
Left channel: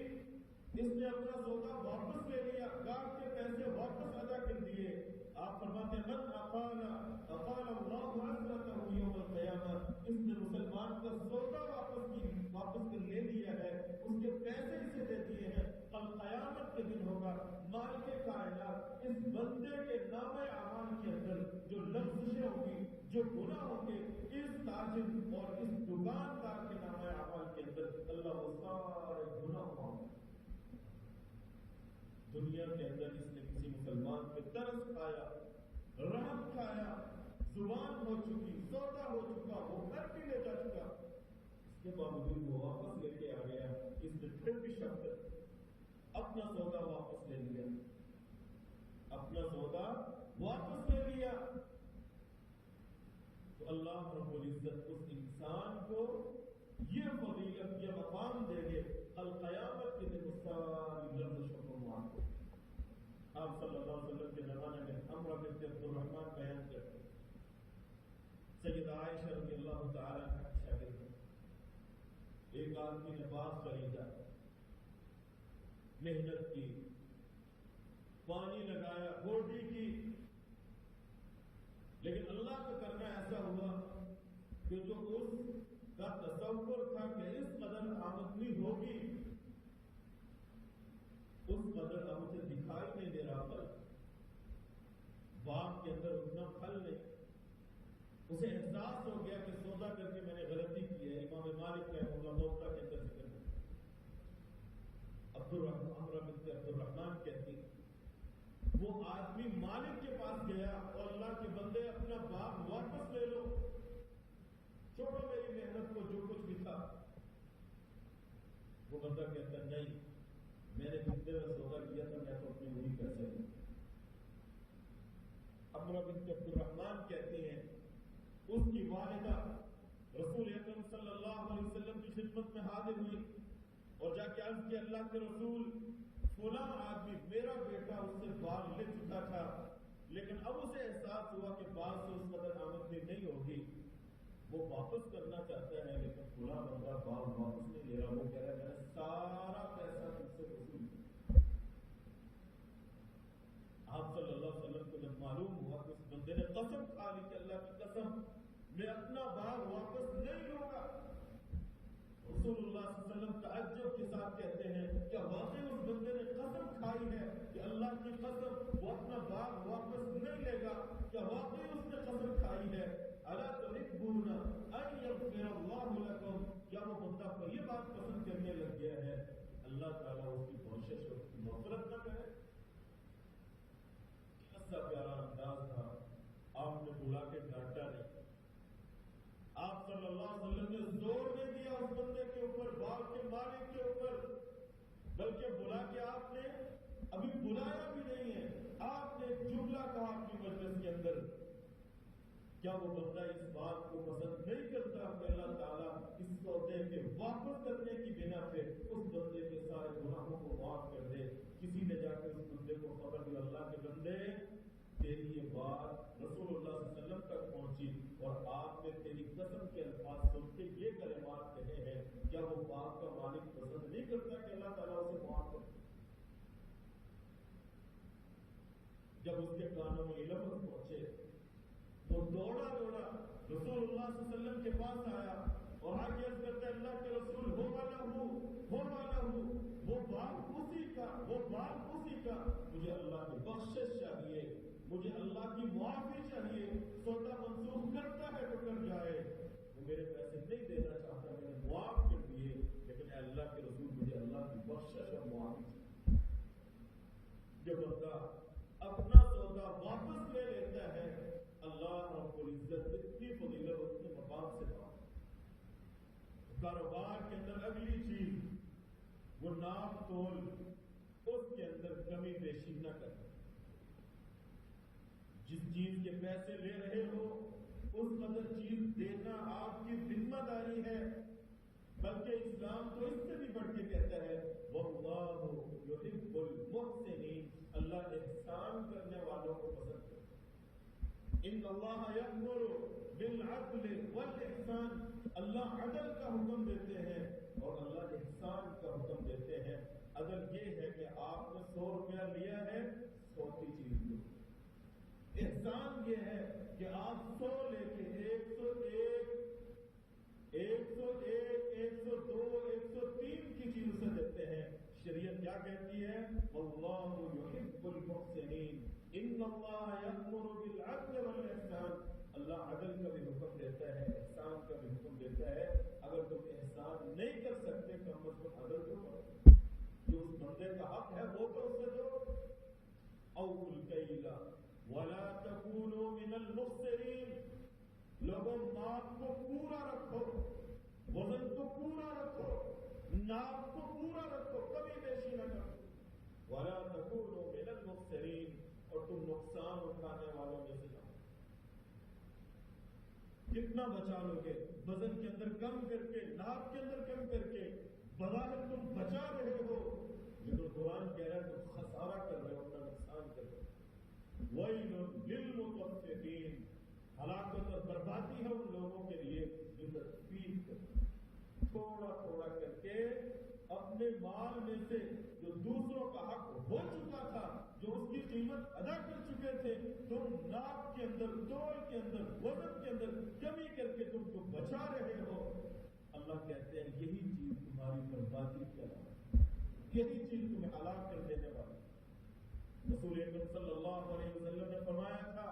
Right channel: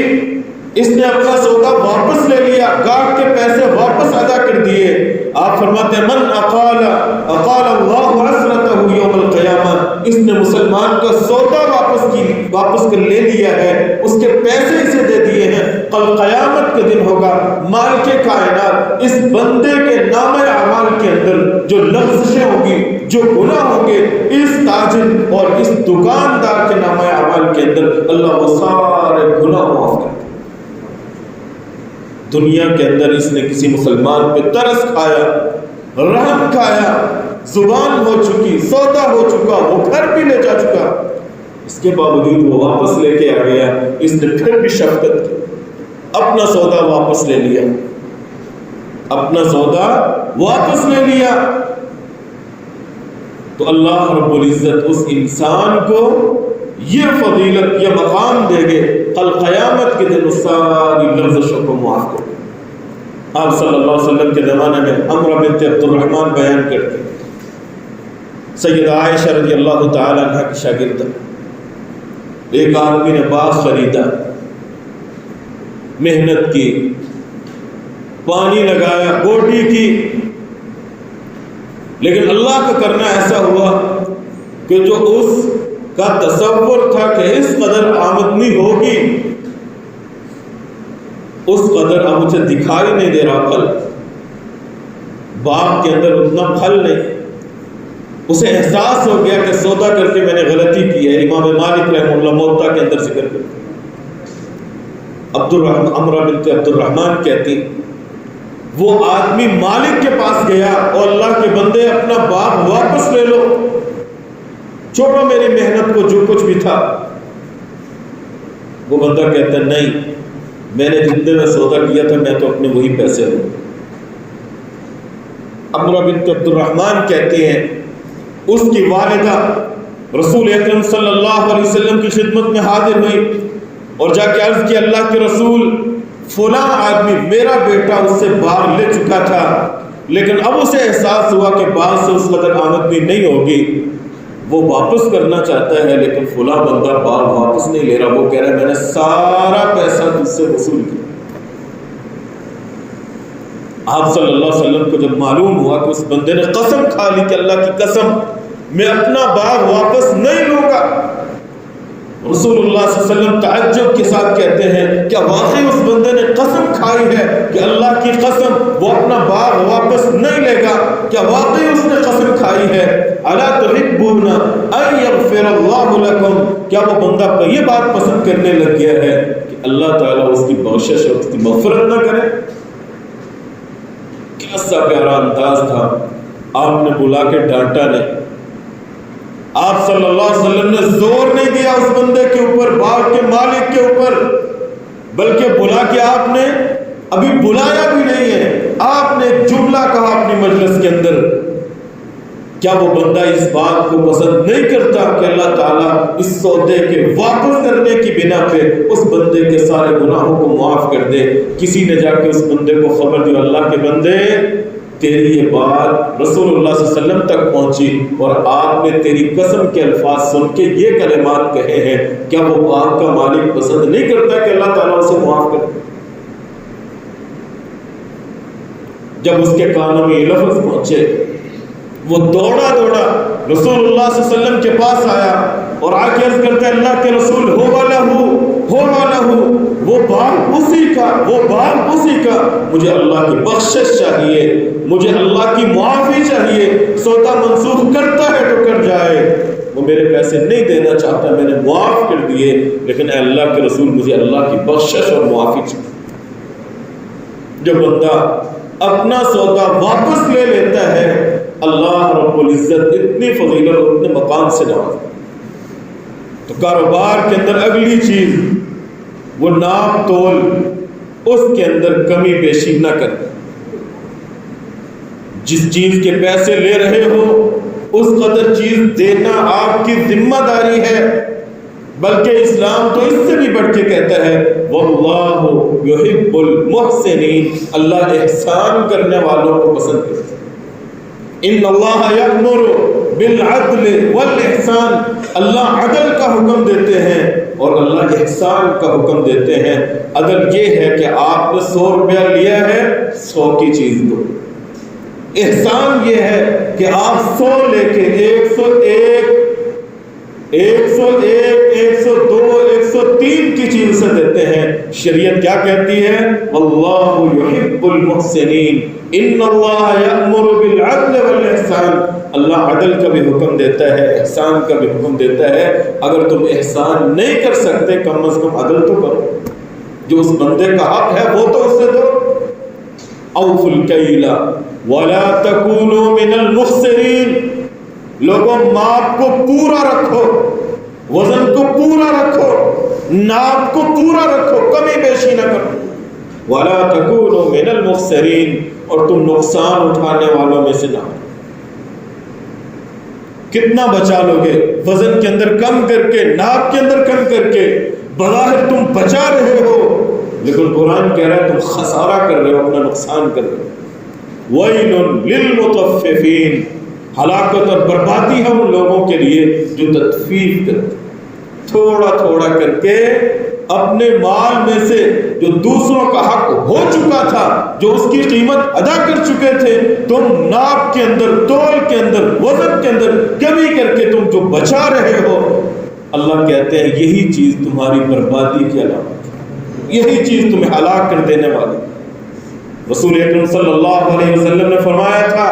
اس نے اپنا سودا واپس لے لیا، گاہک کے پیسے واپس ادا کر دیے، آپ فرماتے ہیں من اقال اللہ عثرته یوم القیامہ، اس نے مسلمان کا سودا واپس کر لے لیا ہے، اس کے پیسے اسے دے دیے ہیں، کل قیامت کے دن ہوگا مالک کائنات اس بندے کے نام اعمال کے اندر جو لغزشیں ہوں گی، جو گناہ ہوں گے، اس تاجر اور اس دکاندار کے نام اعمال کے اندر اللہ وہ سارے گناہ معاف کر دے۔ دنیا کے اندر اس نے کسی مسلمان پہ ترس کھایا، رحم کھایا، زبان ہو چکی، سودا ہو چکا، وہ گھر بھی لے جا چکا، اس کے باوجود وہ واپس لے کے آ گیا، اس نے پھر بھی شفقت کی، اپنا سودا واپس لے لیا، اپنا سودا واپس لے لیا، تو اللہ رب العزت اس انسان کو یہ فضیلت، یہ مقام دے گے، کل قیامت کے دن اس ساری لغزشوں کو معاف کر دے۔ آپ صلی اللہ علیہ وسلم کے زمانے میں عمرہ بنت عبد الرحمن بیان کرتے ہیں، سیدہ عائشہ رضی اللہ تعالی عنہ کی شاگردہ، ایک آدمی نے باغ خریدا، محنت کی، پانی لگایا، گوڈی کی، لیکن اللہ کا کرنا ایسا ہوا کہ جو اس کا تصور تھا کہ اس قدر آمدنی ہوگی، اس قدر اب مجھے دکھائی نہیں دے رہا پھل، باغ کے اندر اتنا پھل نہیں، اسے احساس ہو گیا کہ سودا کر کے میں نے غلطی کی ہے۔ امام مالک رحمہ اللہ موطا کے اندر ذکر کرتے عمرہ بنت عبد الرحمن کہتی وہ آدمی مالک کے پاس گیا اور اللہ کے بندے اپنا باغ واپس لے لو، چھوڑو میری محنت کو، جو کچھ بھی تھا۔ وہ بندہ کہتا ہے نہیں، میں نے جتنے میں سودا کیا تھا میں تو اپنے وہی پیسے لوں۔ عمرہ بنت عبد الرحمن کہتے ہیں اس کی والدہ رسول اکرم صلی اللہ علیہ وسلم کی خدمت میں حاضر ہوئی اور جا کے عرض کی اللہ کے رسول، فلاں آدمی میرا بیٹا اس سے باغ لے چکا تھا، لیکن اب اسے احساس ہوا کہ باغ سے اس قدر آمدنی نہیں ہوگی، وہ واپس کرنا چاہتا ہے، لیکن فلاں بندہ باغ واپس نہیں لے رہا، وہ کہہ رہا ہے میں نے سارا پیسہ تجھ سے وصول کیا۔ آپ صلی اللہ علیہ وسلم کو جب معلوم ہوا کہ اس بندے نے قسم کھا لی کہ اللہ کی قسم میں اپنا باغ واپس نہیں لوں گا، رسول اللہ صلی اللہ علیہ وسلم تعجب کے ساتھ کہتے ہیں کیا واقعی اس بندے نے قسم کھائی ہے کہ اللہ کی قسم وہ اپنا باغ واپس نہیں لے گا؟ کیا واقعی اس نے قسم کھائی ہے؟ الا تحبون ان یغفر اللہ لکم، کیا وہ بندہ یہ بات پسند کرنے لگ گیا ہے کہ اللہ تعالیٰ اس کی بخشش اور اس کی مغفرت نہ کرے؟ کیسا پیارا انداز تھا، آپ نے بلا کے ڈانٹا نہیں، آپ صلی اللہ علیہ وسلم نے زور نہیں دیا اس بندے کے اوپر، باغ کے مالک کے اوپر، بلکہ بلا کے آپ نے ابھی بلایا بھی نہیں ہے، آپ نے ایک جملہ کہا اپنی مجلس کے اندر۔ کیا وہ بندہ اس بات کو پسند نہیں کرتا کہ اللہ تعالیٰ اس سودے کے واپس کرنے کی بنا پہ اس بندے کے سارے گناہوں کو معاف کر دے؟ کسی نے جا کے اس بندے کو خبر دی، اللہ کے بندے تیری یہ بات رسول اللہ صلی اللہ علیہ وسلم تک پہنچی اور آپ نے تیری قسم کے الفاظ سن کے یہ کلمات کہے ہیں، کیا وہ باغ کا مالک پسند نہیں کرتا کہ اللہ تعالیٰ اسے معاف کرے؟ جب اس کے کانوں میں یہ لفظ پہنچے، وہ دوڑا رسول اللہ صلی اللہ علیہ وسلم کے پاس آیا اور آ کے عرض کرتا ہے اللہ کے رسول، ہو والا وہ باغ اسی کا، مجھے اللہ کی بخشش چاہیے، مجھے اللہ کی معافی چاہیے، سودا منسوخ کرتا ہے تو کر جائے، وہ میرے پیسے نہیں دینا چاہتا، میں نے معاف کر دیے، لیکن اے اللہ کے رسول مجھے اللہ کی بخشش اور معافی چاہیے۔ جو بندہ اپنا سودا واپس لے لیتا ہے اللہ رب العزت اتنی فضیلت اور اتنے مقام سے نوازتا ہے۔ تو کاروبار کے اندر اگلی چیز وہ ناپ تول، اس کے اندر کمی بیشی نہ کرنا۔ جس چیز کے پیسے لے رہے ہو اس قدر چیز دینا آپ کی ذمہ داری ہے، بلکہ اسلام تو اس سے بھی بڑھ کے کہتا ہے واللہ یحب المحسنین، اللہ احسان کرنے والوں کو پسند کرتا ہے۔ ان اللہ یأمر بالعدل والاحسان، اللہ عدل کا حکم دیتے ہیں اور اللہ احسان کا حکم دیتے ہیں۔ عدل یہ ہے کہ آپ نے 100 روپیہ لیا ہے 100 کی چیز دو، احسان یہ ہے کہ آپ 100 لے کے 101 102 103 کی چیز سے دیتے ہیں۔ شریعت کیا کہتی ہے؟ واللہ یحب المحسنین، ان اللہ یأمر بالعدل والاحسان، اللہ عدل کا بھی حکم دیتا ہے، احسان کا بھی حکم دیتا ہے۔ اگر تم احسان نہیں کر سکتے کم از کم عدل تو کرو، جو اس بندے کا حق ہے وہ تو اسے دو۔ اوفوا الکیل ولا تکونوا من المخسرین، لوگوں ماپ کو پورا رکھو، وزن کو پورا رکھو، ناپ کو پورا رکھو، کمی بیشی نہ کرو۔ ولا تکونوا من المخسرین، اور تم نقصان اٹھانے والوں میں سے نہ ہو۔ کتنا بچا لو گے؟ وزن کے اندر کم کر کے، ناپ کے اندر کم کر کے، بظاہر تم بچا رہے ہو لیکن قرآن کہہ رہا ہے تم خسارہ کر رہے ہو، اپنا نقصان کر رہے ہو۔ وَيْلٌ لِّلْمُطَفِّفِينَ، ہلاکت اور بربادی ہے ان لوگوں کے لیے جو تطفیف کرتے، تھوڑا تھوڑا کر کے اپنے مال میں سے جو دوسروں کا حق ہو چکا تھا، جو اس کی قیمت ادا کر چکے تھے، تم ناپ کے اندر، تول کے اندر، وزن کے اندر کمی کر کے تم جو بچا رہے ہو، اللہ کہتے ہیں یہی چیز تمہاری بربادی کی علامت ہے، یہی چیز تمہیں ہلاک کر دینے والی۔ رسول اکرم صلی اللہ علیہ وسلم نے فرمایا تھا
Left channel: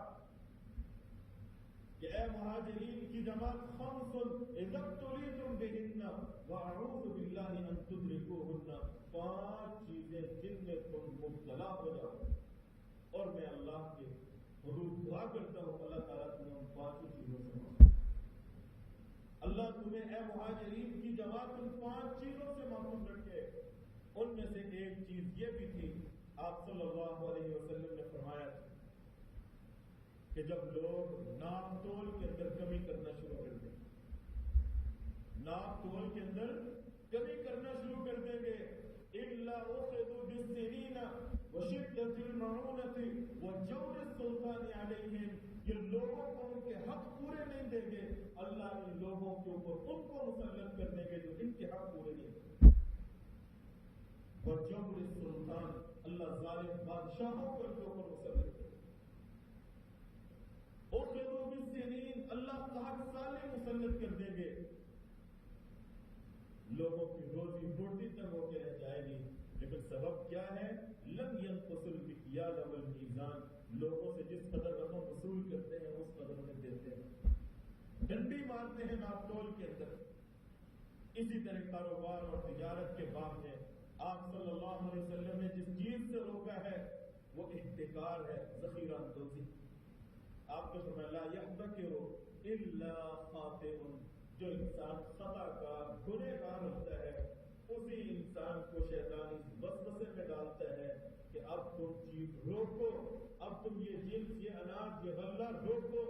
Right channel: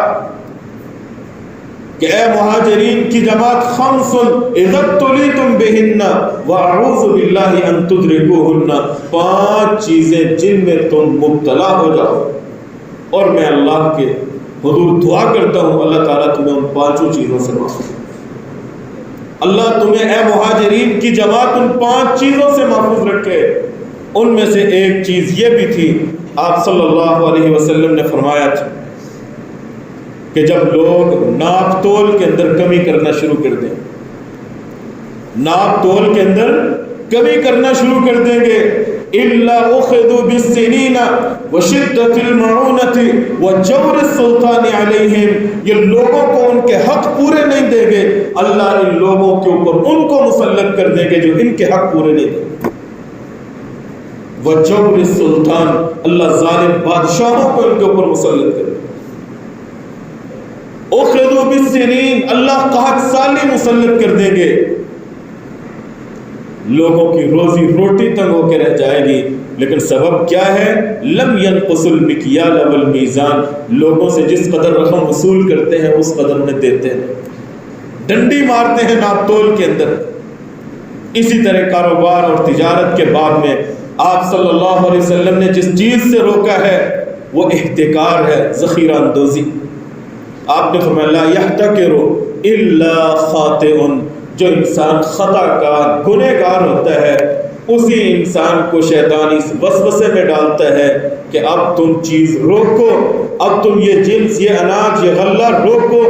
کہ اے مہاجرین کی جماعت، خمس اذا ابتلیتم بہن واعوذ باللہ ان تدرکوہن، 5 چیزیں جن میں تم مبتلا ہو جاؤ اور میں اللہ کے حضور دعا کرتا ہوں اللہ تعالیٰ تمہیں ان 5 چیزوں سے محفوظ، اللہ تمہیں اے مہاجرین کی جماعت ان 5 چیزوں سے محفوظ رکھے۔ ان میں سے ایک چیز یہ بھی تھی، آپ صلی اللہ علیہ وسلم نے فرمایا تھا کہ جب لوگ ناپ تول کے اندر کمی کرنا شروع کر دیں، ناپ تول کے اندر کمی کرنا شروع کر دیں گے، إِلَّا أُخِذُوا بِالسِّنِينَ وَشِدَّةِ الْمَعُونَةِ وَجَوْرِ السُّلْطَانِ عَلَيْهِمْ، یہ لوگوں کو ان کے حق پورے نہیں دیں گے، اللہ ان لوگوں کے اوپر ان کو مسلط کر دیں گے جو ان کے حق پورے نہیں دیں گے۔ وَجَوْرِ السُّلْطَانِ، اللہ ظالم بادشاہوں کو ان کے اوپر مسلط کر دیں گے۔ اخذوا بالسنین، اللہ قحط سالی مسلط کر دیں گے، لوگوں کی روزی روٹی تنگ ہو کے رہ جائے گی۔ لیکن سبب کیا ہے؟ لم ينقص المکیال والمیزان، لوگوں سے جس قدر رقم وصول کرتے ہیں اس قدر انہیں دیتے ہیں، ڈنڈی مارتے ہیں ناپ تول کے اندر۔ اسی طرح کاروبار اور تجارت کے باب میں آپ صلی اللہ علیہ وسلم نے جس چیز سے روکا ہے وہ احتکار ہے، ذخیرہ اندوزی۔ آپ نے فرمایا لا یحتکر الا خاطئ، جو انسان خطا کار گنہگار ہوتا ہے اسی انسان کو شیطان اس وسوسے میں ڈالتا ہے کہ اب تم چیز روکو، اب تم یہ جنس، یہ اناج، یہ غلہ روکو۔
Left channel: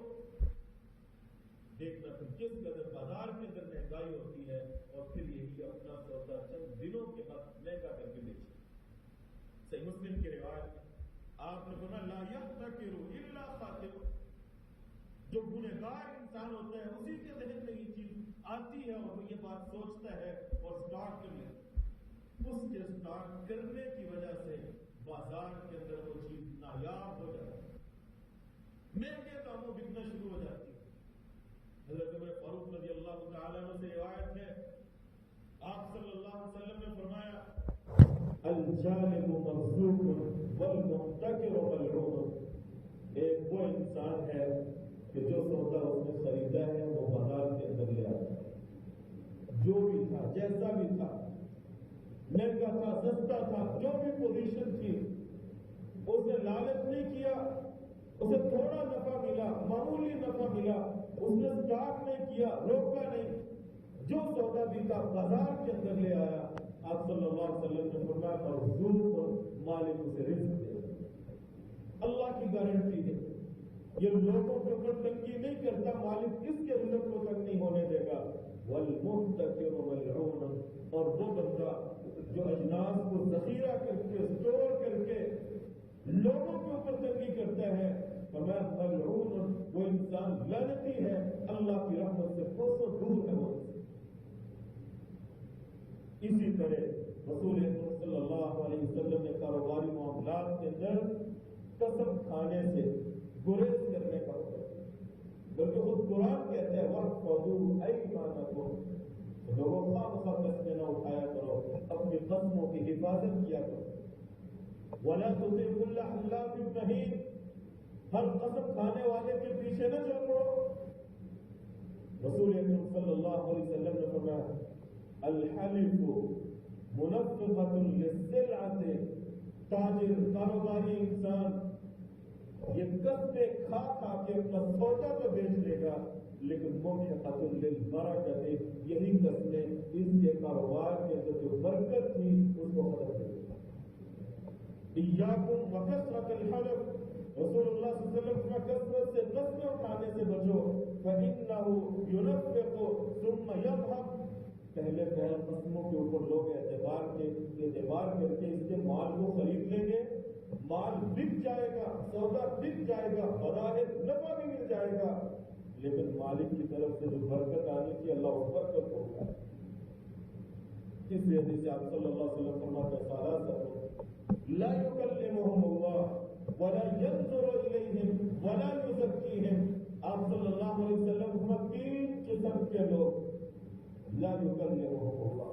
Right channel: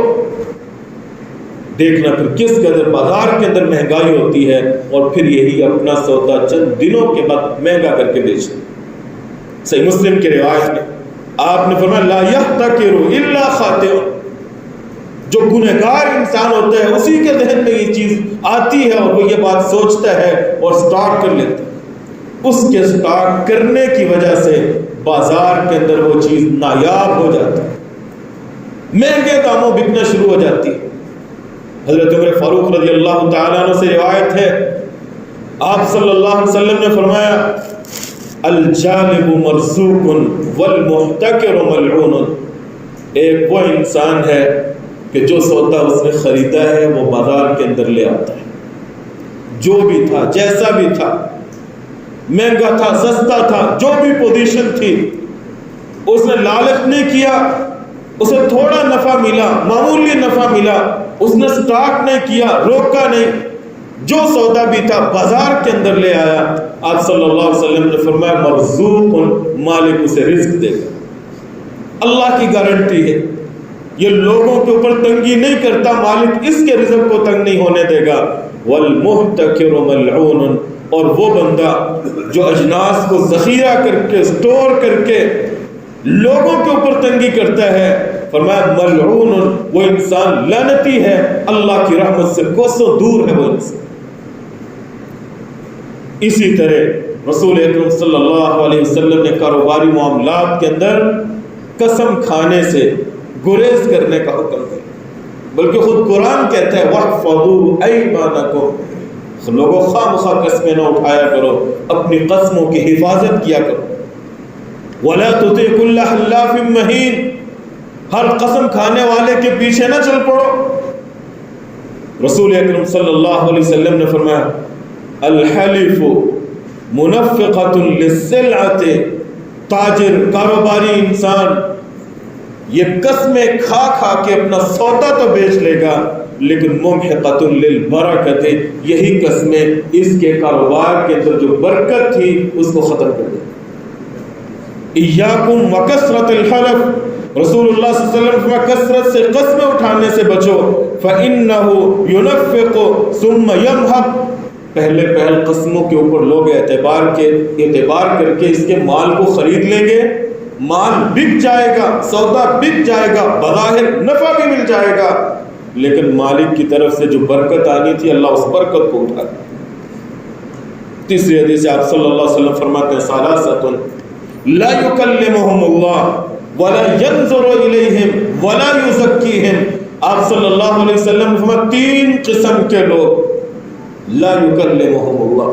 دیکھنا پھر کس قدر بازار کے اندر مہنگائی ہوتی ہے اور پھر یہی اپنا سودا چند دنوں کے بعد مہنگا کر کے بیچتے۔ صحیح مسلم کی روایت میں آپ نے فرمایا لا یحتکر الا خاطئ، جو گنہگار انسان ہوتا ہے اسی کے ذہن میں یہ چیز آتی ہے اور وہ یہ بات سوچتا ہے اور سٹارٹ کر لیتا ہے، اس کے سٹارٹ کرنے کی وجہ سے بازار کے اندر وہ چیز نایاب ہو جاتی ہے، مہنگے داموں بکنا شروع ہو جاتی ہے۔ حضرت عمر فاروق رضی اللہ تعالیٰ عنہ سے روایت ہے، آپ صلی اللہ علیہ وسلم نے فرمایا الجالب مرزوق والمحتکر ملعون، ایک وہ انسان ہے کہ جو سودا اس نے خریدا ہے وہ بازار کے اندر لے آتا ہے، جو بھی تھا، جیسا بھی تھا، مہنگا تھا، سستا تھا، جو بھی پوزیشن تھی، اس نے لالچ نہیں کیا، اسے تھوڑا نفع ملا، معمولی نفع ملا، اس نے سٹاک نہیں کیا، روکا نہیں، جو سودا بھی تھا بازار کے اندر لے آیا۔ آپ صلی اللہ علیہ وسلم نے فرمایا مرزوق، مالک اسے رزق دے گا، اللہ کی گارنٹی ہے۔ یہ لوگوں کے اوپر تنگی نہیں کرتا، مالک اس کے رزق کو تنگ نہیں ہونے دے گا۔ والمحتکر ملعون، اور وہ بندہ جو اجناس کو ذخیرہ کر کے سٹور کر کے لوگوں کے اوپر تنگی کرتا ہے، فرمایا ملعون، وہ انسان لعنتی ہے، اللہ کی رحمت سے کوسوں دور ہے وہ انسان۔ اسی طرح رسول اکرم صلی اللہ علیہ وسلم نے کاروباری معاملات کے اندر قسم کھانے سے گریز کرنے کا حکم دیا، بلکہ خود قرآن کہتا ہے وَاحْفَظُوا أَيْمَانَكُمْ، لوگوں خواہ مخواہ قسمیں نہ اٹھایا کرو، اپنی قسموں کی حفاظت کیا کرو۔ وَلَا تُطِعْ كُلَّ حَلَّافٍ مَّهِينٍ، ہر قسم کھانے والے کے پیچھے نہ چل پڑو۔ رسول اکرم صلی اللہ علیہ وسلم نے فرمایا الحلف منفقۃ للسلعۃ، تاجر کاروباری انسان یہ قسمیں کھا کھا کے اپنا سودا تو بیچ لے گا، لیکن ممحقۃ للبرکۃ، یہی قسمیں اس کے کاروبار کے اندر جو برکت تھی اس کو ختم کر دے۔ ایاکم وکثرۃ الحلف، رسول اللہ صلی اللہ علیہ وسلم کثرت سے قسمیں اٹھانے سے بچو، فإنہ ينفق ثم يمحق، پہلے پہل قسموں کے اوپر لوگ اعتبار کر کے اس کے مال کو خرید لیں گے، مال بک جائے گا، سودا بک جائے گا، بظاہر نفع بھی مل جائے گا، لیکن مالک کی طرف سے جو برکت آنی تھی اللہ اس برکت کو اٹھا۔ تیسری حدیث آپ صلی اللہ علیہ وسلم فرماتے ہیں ثلاثۃ لا یکلمہم اللہ ولا ینظر الیہم ولا یزکیہم، آپ صلی اللہ علیہ وسلم فرماتے تین قسم کے لوگ لا یکلمہم اللہ،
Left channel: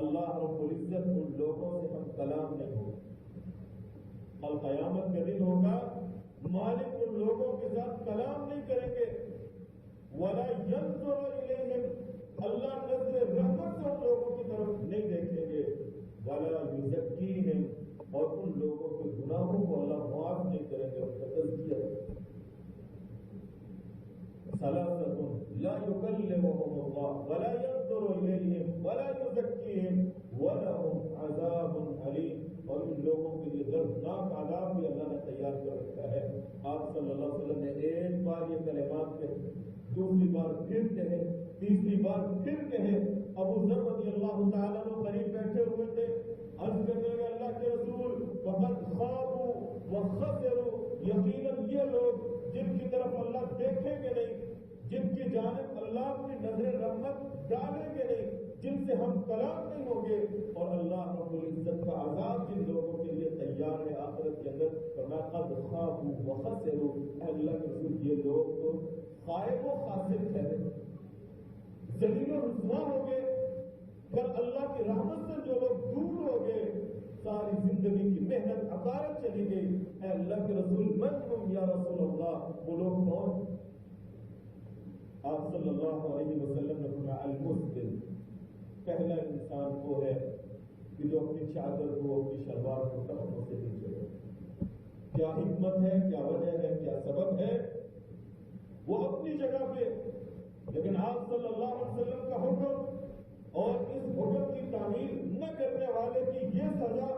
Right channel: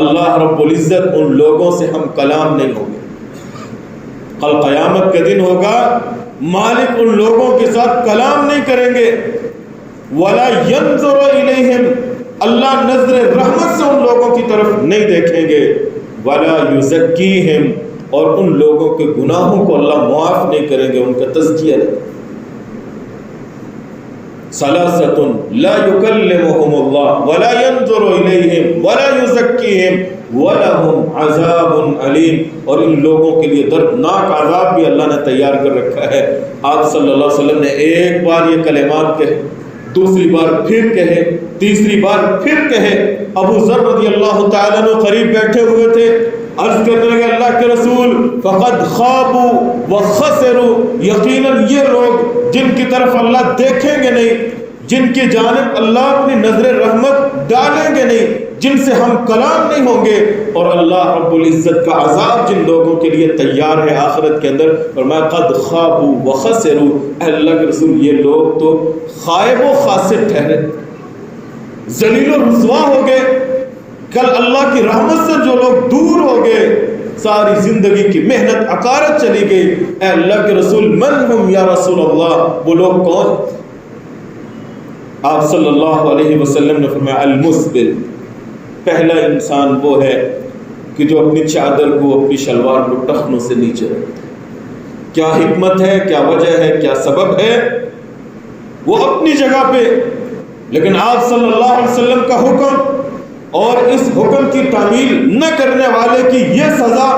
اللہ رب العزت ان لوگوں سے ہم کلام نہیں ہوں گے۔ کل قیامت کے دن ہوگا مالک ان لوگوں کے ساتھ کلام نہیں کریں گے۔ ولا ینظر الیہم، اللہ نظر رحمت سے ان لوگوں کی طرف نہیں دیکھیں گے۔ ولا یزکیہم، اور ان لوگوں کے گناہوں کو اللہ معاف نہیں کریں گے، ان کا تزکیہ نہیں۔ ثلاثۃ لا یکلمہم اللہ ولا ینظر الیہم ولا یزکیہم ولہم عذاب علیم، اور ان لوگوں کے لیے دردناک عذاب بھی اللہ نے تیار کر رکھا ہے۔ آپ صلی اللہ علیہ وسلم نے ایک بار یہ کلمات کہے، دوسری بار پھر کہے، تیسری بار پھر کہے۔ ابو ذر رضی اللہ تعالیٰ عنہ قریب بیٹھے ہوئے تھے، عرض کرنے لگے اللہ کے رسول فقد خابوا وخسروا، یقیناً یہ لوگ جن کی طرف اللہ دیکھیں گے نہیں، جن کی جانب اللہ اپنی نظر رحمت ڈالیں گے نہیں، جن سے ہم کلام نہیں ہوں گے، اور اللہ رب العزت کا عذاب جن لوگوں کے لیے تیار ہے آخرت کے اندر، فرمایا قد خابوا وخسروا، اے اللہ کے رسول یہ لوگ تو خائب و خاسر ٹھہرے، ذلیل و رسوا ہو گئے، کل اللہ کی رحمت سے جو لوگ دور ہو گئے، ساری زندگی کی محنت عقارت چلی گئی۔ اے اللہ کے رسول من ہم یا رسول اللہ، وہ لوگ کون؟ آپ صلی اللہ علیہ وسلم نے فرمایا المسبل، پہلا انسان وہ ہے کہ جو اپنی چادر کو، اپنی شلوار کو ٹخنوں سے نیچے رکھتا ہے۔ کیا حکمت ہے، کیا وجہ ہے، کیا سبب ہے، وہ اپنی جگہ پہ، لیکن آپ صلی اللہ علیہ وسلم کا حکم اور اس حکم کی تعمیل نہ کرنے والے کی یہ سزا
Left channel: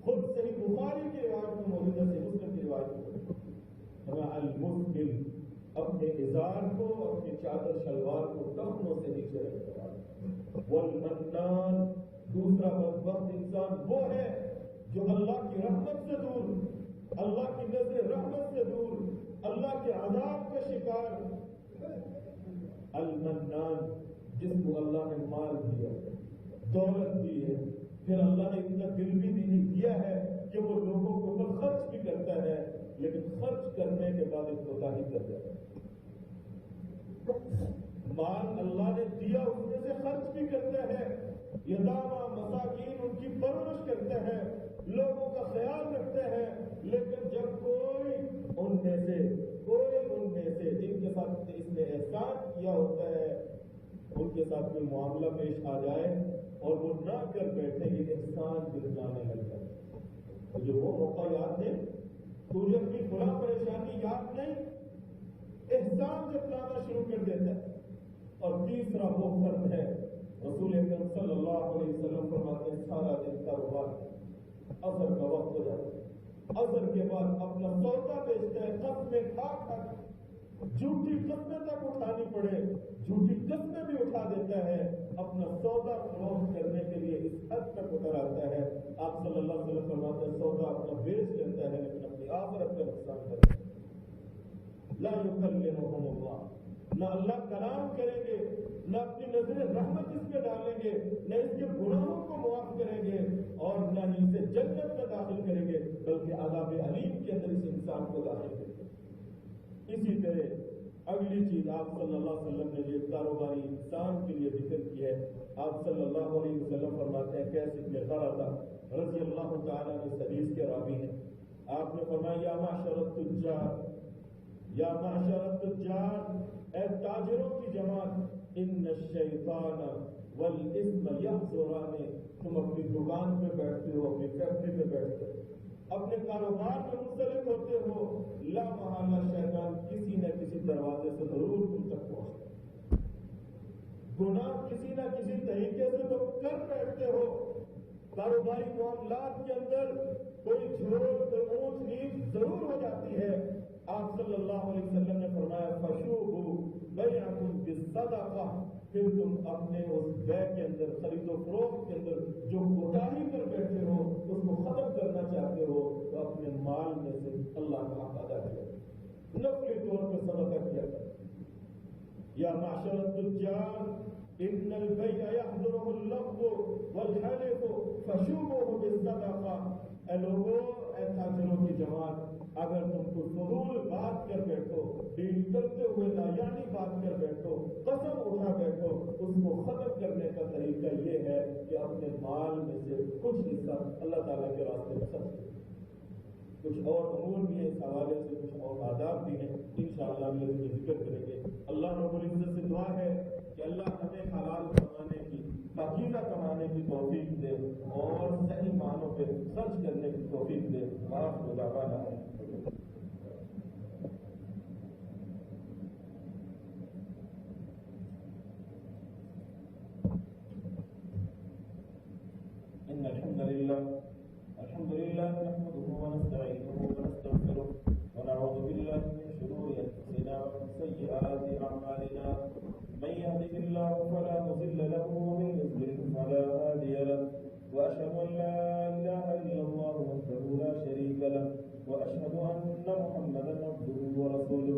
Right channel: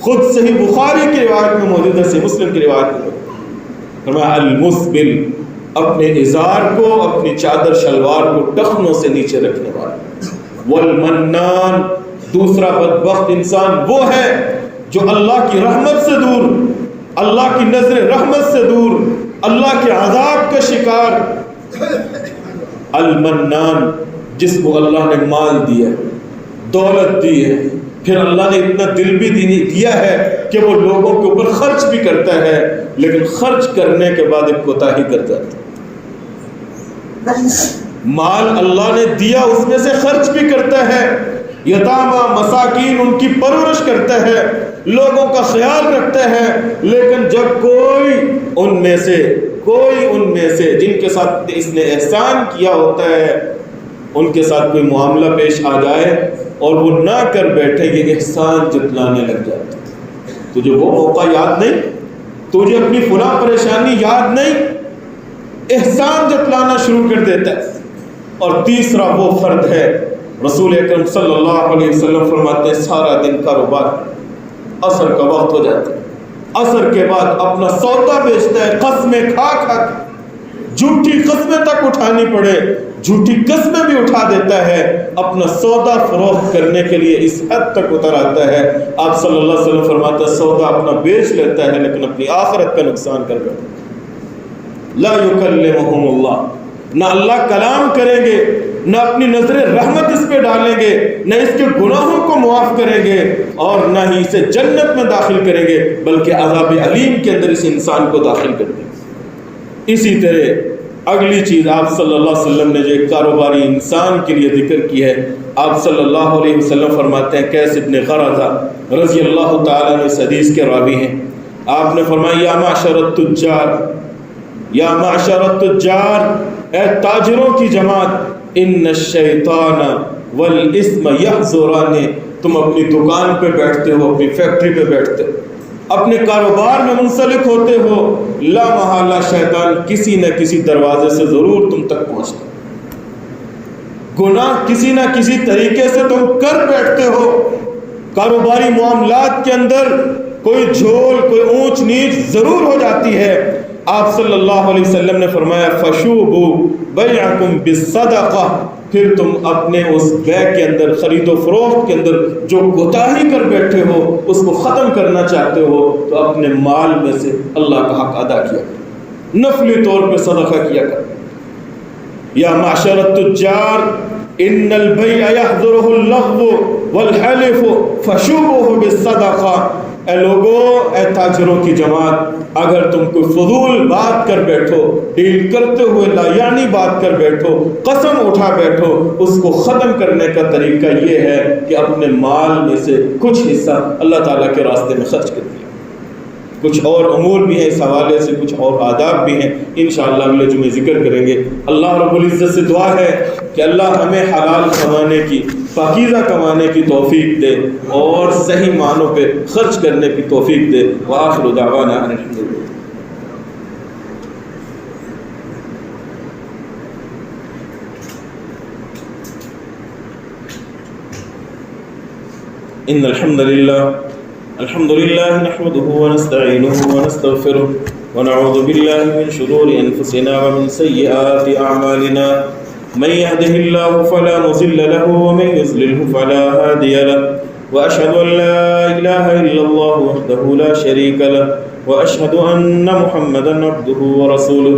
خود صحیح بخاری کی روایت میں موجود ہے، صحیح مسلم کی روایت میں فرمایا المسبل، اپنے ازار کو، اپنی چادر شلوار کو ٹخنوں سے نیچے رکھنے والا۔ والمنان، دوسرا بدبخت انسان وہ ہے جو اللہ کی رحمت سے دور، اللہ کی نظر رحمت سے دور، اللہ کے عذاب کا شکار۔ المنان، جس کو اللہ نے مال دیا، دولت دی ہے، پھر اللہ نے اتنا دل بھی دیا ہے کہ وہ لوگوں کے اوپر خرچ بھی کرتا ہے، لیکن خرچ کرنے کے بعد ایک کوتاہی کر جاتا ہے۔ مال اللہ نے دیا، اس میں سے خرچ بھی کرتا ہے، یتامہ مساکین ان کی پرورش کرتا ہے، لوگوں کا خیال رکھتا ہے، لیکن جب کوئی ان میں سے جن کے ساتھ اس نے احسان کیا ہوتا ہے ان کے ساتھ کوئی معاملہ پیش آ جائے اور وہ نہ کر بیٹھے، یہ احسان جتلانے لگ جاتا ہے۔ تو تجھے وہ موقع یاد نہیں؟ تجھے اپنی فلاں پریشانی یاد نہیں؟ احسان جتلانا شروع کر دیتا ہے۔ اور تیسرا وہ فرد ہے، رسول اکرم صلی اللہ علیہ وسلم فرماتے ہیں سارا دن کاروبار، عصر کا وقت ہو جاتا ہے، عصر کے بعد اپنا سودا بیچتا ہے، قسمیں کھا کھا کے، جھوٹی قسمیں تک اٹھانی پڑے، جھوٹی قسمیں بھی اٹھا دیتا ہے، اپنا سودا فروخت کرنے کے لیے اس حد تک اتر آتا ہے۔ آپ صلی اللہ علیہ وسلم فرماتے ہیں سودا اپنا بیچ لیتا ہے لیکن اپنی آخرت کا نقصان کر بیٹھتا ہے۔ لا یکلمہم اللہ، نہ اللہ کلام کریں گے، نہ اپنی نظر رحمت اس پہ ڈالیں گے، نہ اس کے گناہوں کو معاف کریں گے، اور نہ ہی اسے جنت میں داخل کریں گے، بلکہ عذاب علیم کے اندر اس انسان کو داخل کر دیں گے۔ اسی طرح اگلی چیز آپ صلی اللہ علیہ وسلم نے جو ایک کاروباری انسان کے لیے ذکر کی ہے، آپ صلی اللہ علیہ وسلم فرماتے ہیں، قیس بن غرضہ رضی اللہ تعالیٰ عنہ اس حدیث کے راوی ہیں، آپ نے فرمایا یا معشر التجار، یا معشر التجار، اے تاجروں کی جماعت، ان الشیطان والاسم یحضران، تم اپنی دکان پہ بیٹھتے ہو، اپنی فیکٹری پہ بیٹھتے ہو، اپنے کاروبار میں منسلک ہوتے ہو، لا محالہ شیطان کسی نہ کسی دروازے سے ضرور تم تک پہنچتا، گناہ کسی نہ کسی طریقے سے تم کر بیٹھتے ہو، کاروباری معاملات کے اندر کوئی جھول، کوئی اونچ نیچ ضرور ہو جاتی ہے۔ آپ صلی اللہ علیہ وسلم نے فرمایا فشوبوا بیعکم بالصدقہ، پھر تم اپنے اس بیع کے اندر، خرید و فروخت کے اندر جو کوتاہی کر بیٹھے ہو اس کو ختم کرنا چاہتے ہو تو اپنے مال میں سے اللہ کا حق ادا کیا کر، نفلی طور پہ صدقہ کیا کر۔ یا معشر التجار ان البیع یحضرہ اللغو والحلف فشوبوہ بالصدقہ، اے لوگو، اے تاجروں کی جماعت، اگر تم کوئی فضول بات کر بیٹھو، ڈیل کرتے ہوئے لا یعنی بات کر بیٹھو، قسم اٹھا بیٹھو، اس کو ختم کرنے کا طریقہ یہ ہے کہ اپنے مال میں سے کچھ حصہ اللہ تعالیٰ کے راستے میں خرچ کر دیا۔ کچھ اور امور بھی ہیں اس حوالے سے، کچھ اور آداب بھی ہیں، انشاءاللہ اگلے جمعے ذکر کریں گے۔ اللہ رب العزت سے دعا ہے کہ اللہ ہمیں حلال کمانے کی، پاکیزہ کمانے کی توفیق دے اور صحیح معنوں پہ خرچ کرنے کی توفیق دے۔ وآخر دعوانا ان الحمد للہ۔ ان الحمد لله نحمده ونستعينه ونستغفره ونعوذ بالله من شرور أنفسنا ومن سيئات أعمالنا، من يهده الله فلا مضل له ومن يضلله فلا هادي له، وأشهد أن لا إله إلا الله وحده لا شريك له، وأشهد أن محمدا عبده ورسوله،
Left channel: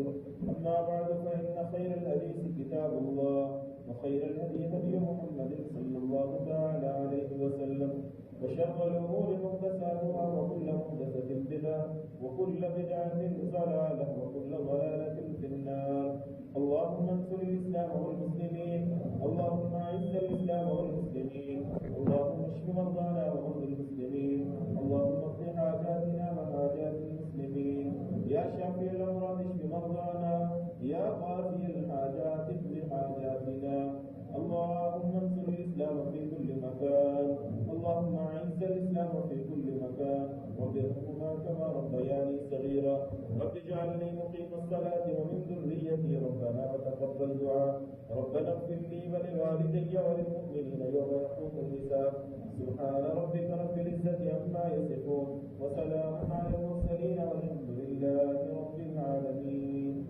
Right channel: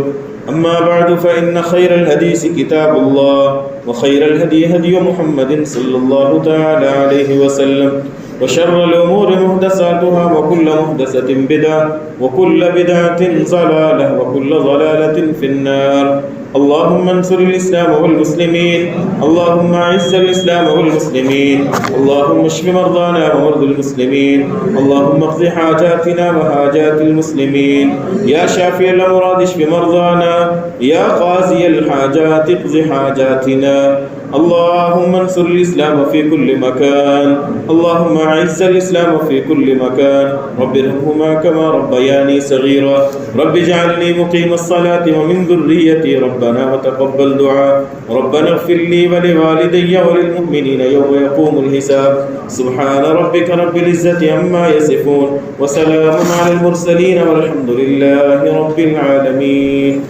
أما بعد فإن خير الحديث كتاب الله، وخير الهدي هدي محمد صلى الله تعالى عليه وسلم، وشر الأمور محدثاتها، وكل محدثة بدعة، وكل بدعة ضلالة، وكل ضلالة في النار۔ اللهم انصر الإسلام والمسلمين، اللهم أعز الإسلام والمسلمين، اللهم اشف مرضانا ومرضى المسلمين، اللهم اقض حاجاتنا وحاجات المسلمين، يا شافي الأمراض اشف مرضانا، يا قاضي الحاجات اقض حاجاتنا، اللهم انصر الإسلام في كل مكان، اللهم أعز الإسلام في كل مكان، رب ارحمهما كما ربياني صغيرا، رب اجعلني مقيم الصلاة ومن ذريتي ربنا وتقبل دعاء، ربنا اغفر لي ولوالدي وللمؤمنين يوم يقوم الحساب، سبحان ربك رب العزة عما يصفون، وسلام على المرسلين والحمد لله رب العالمين۔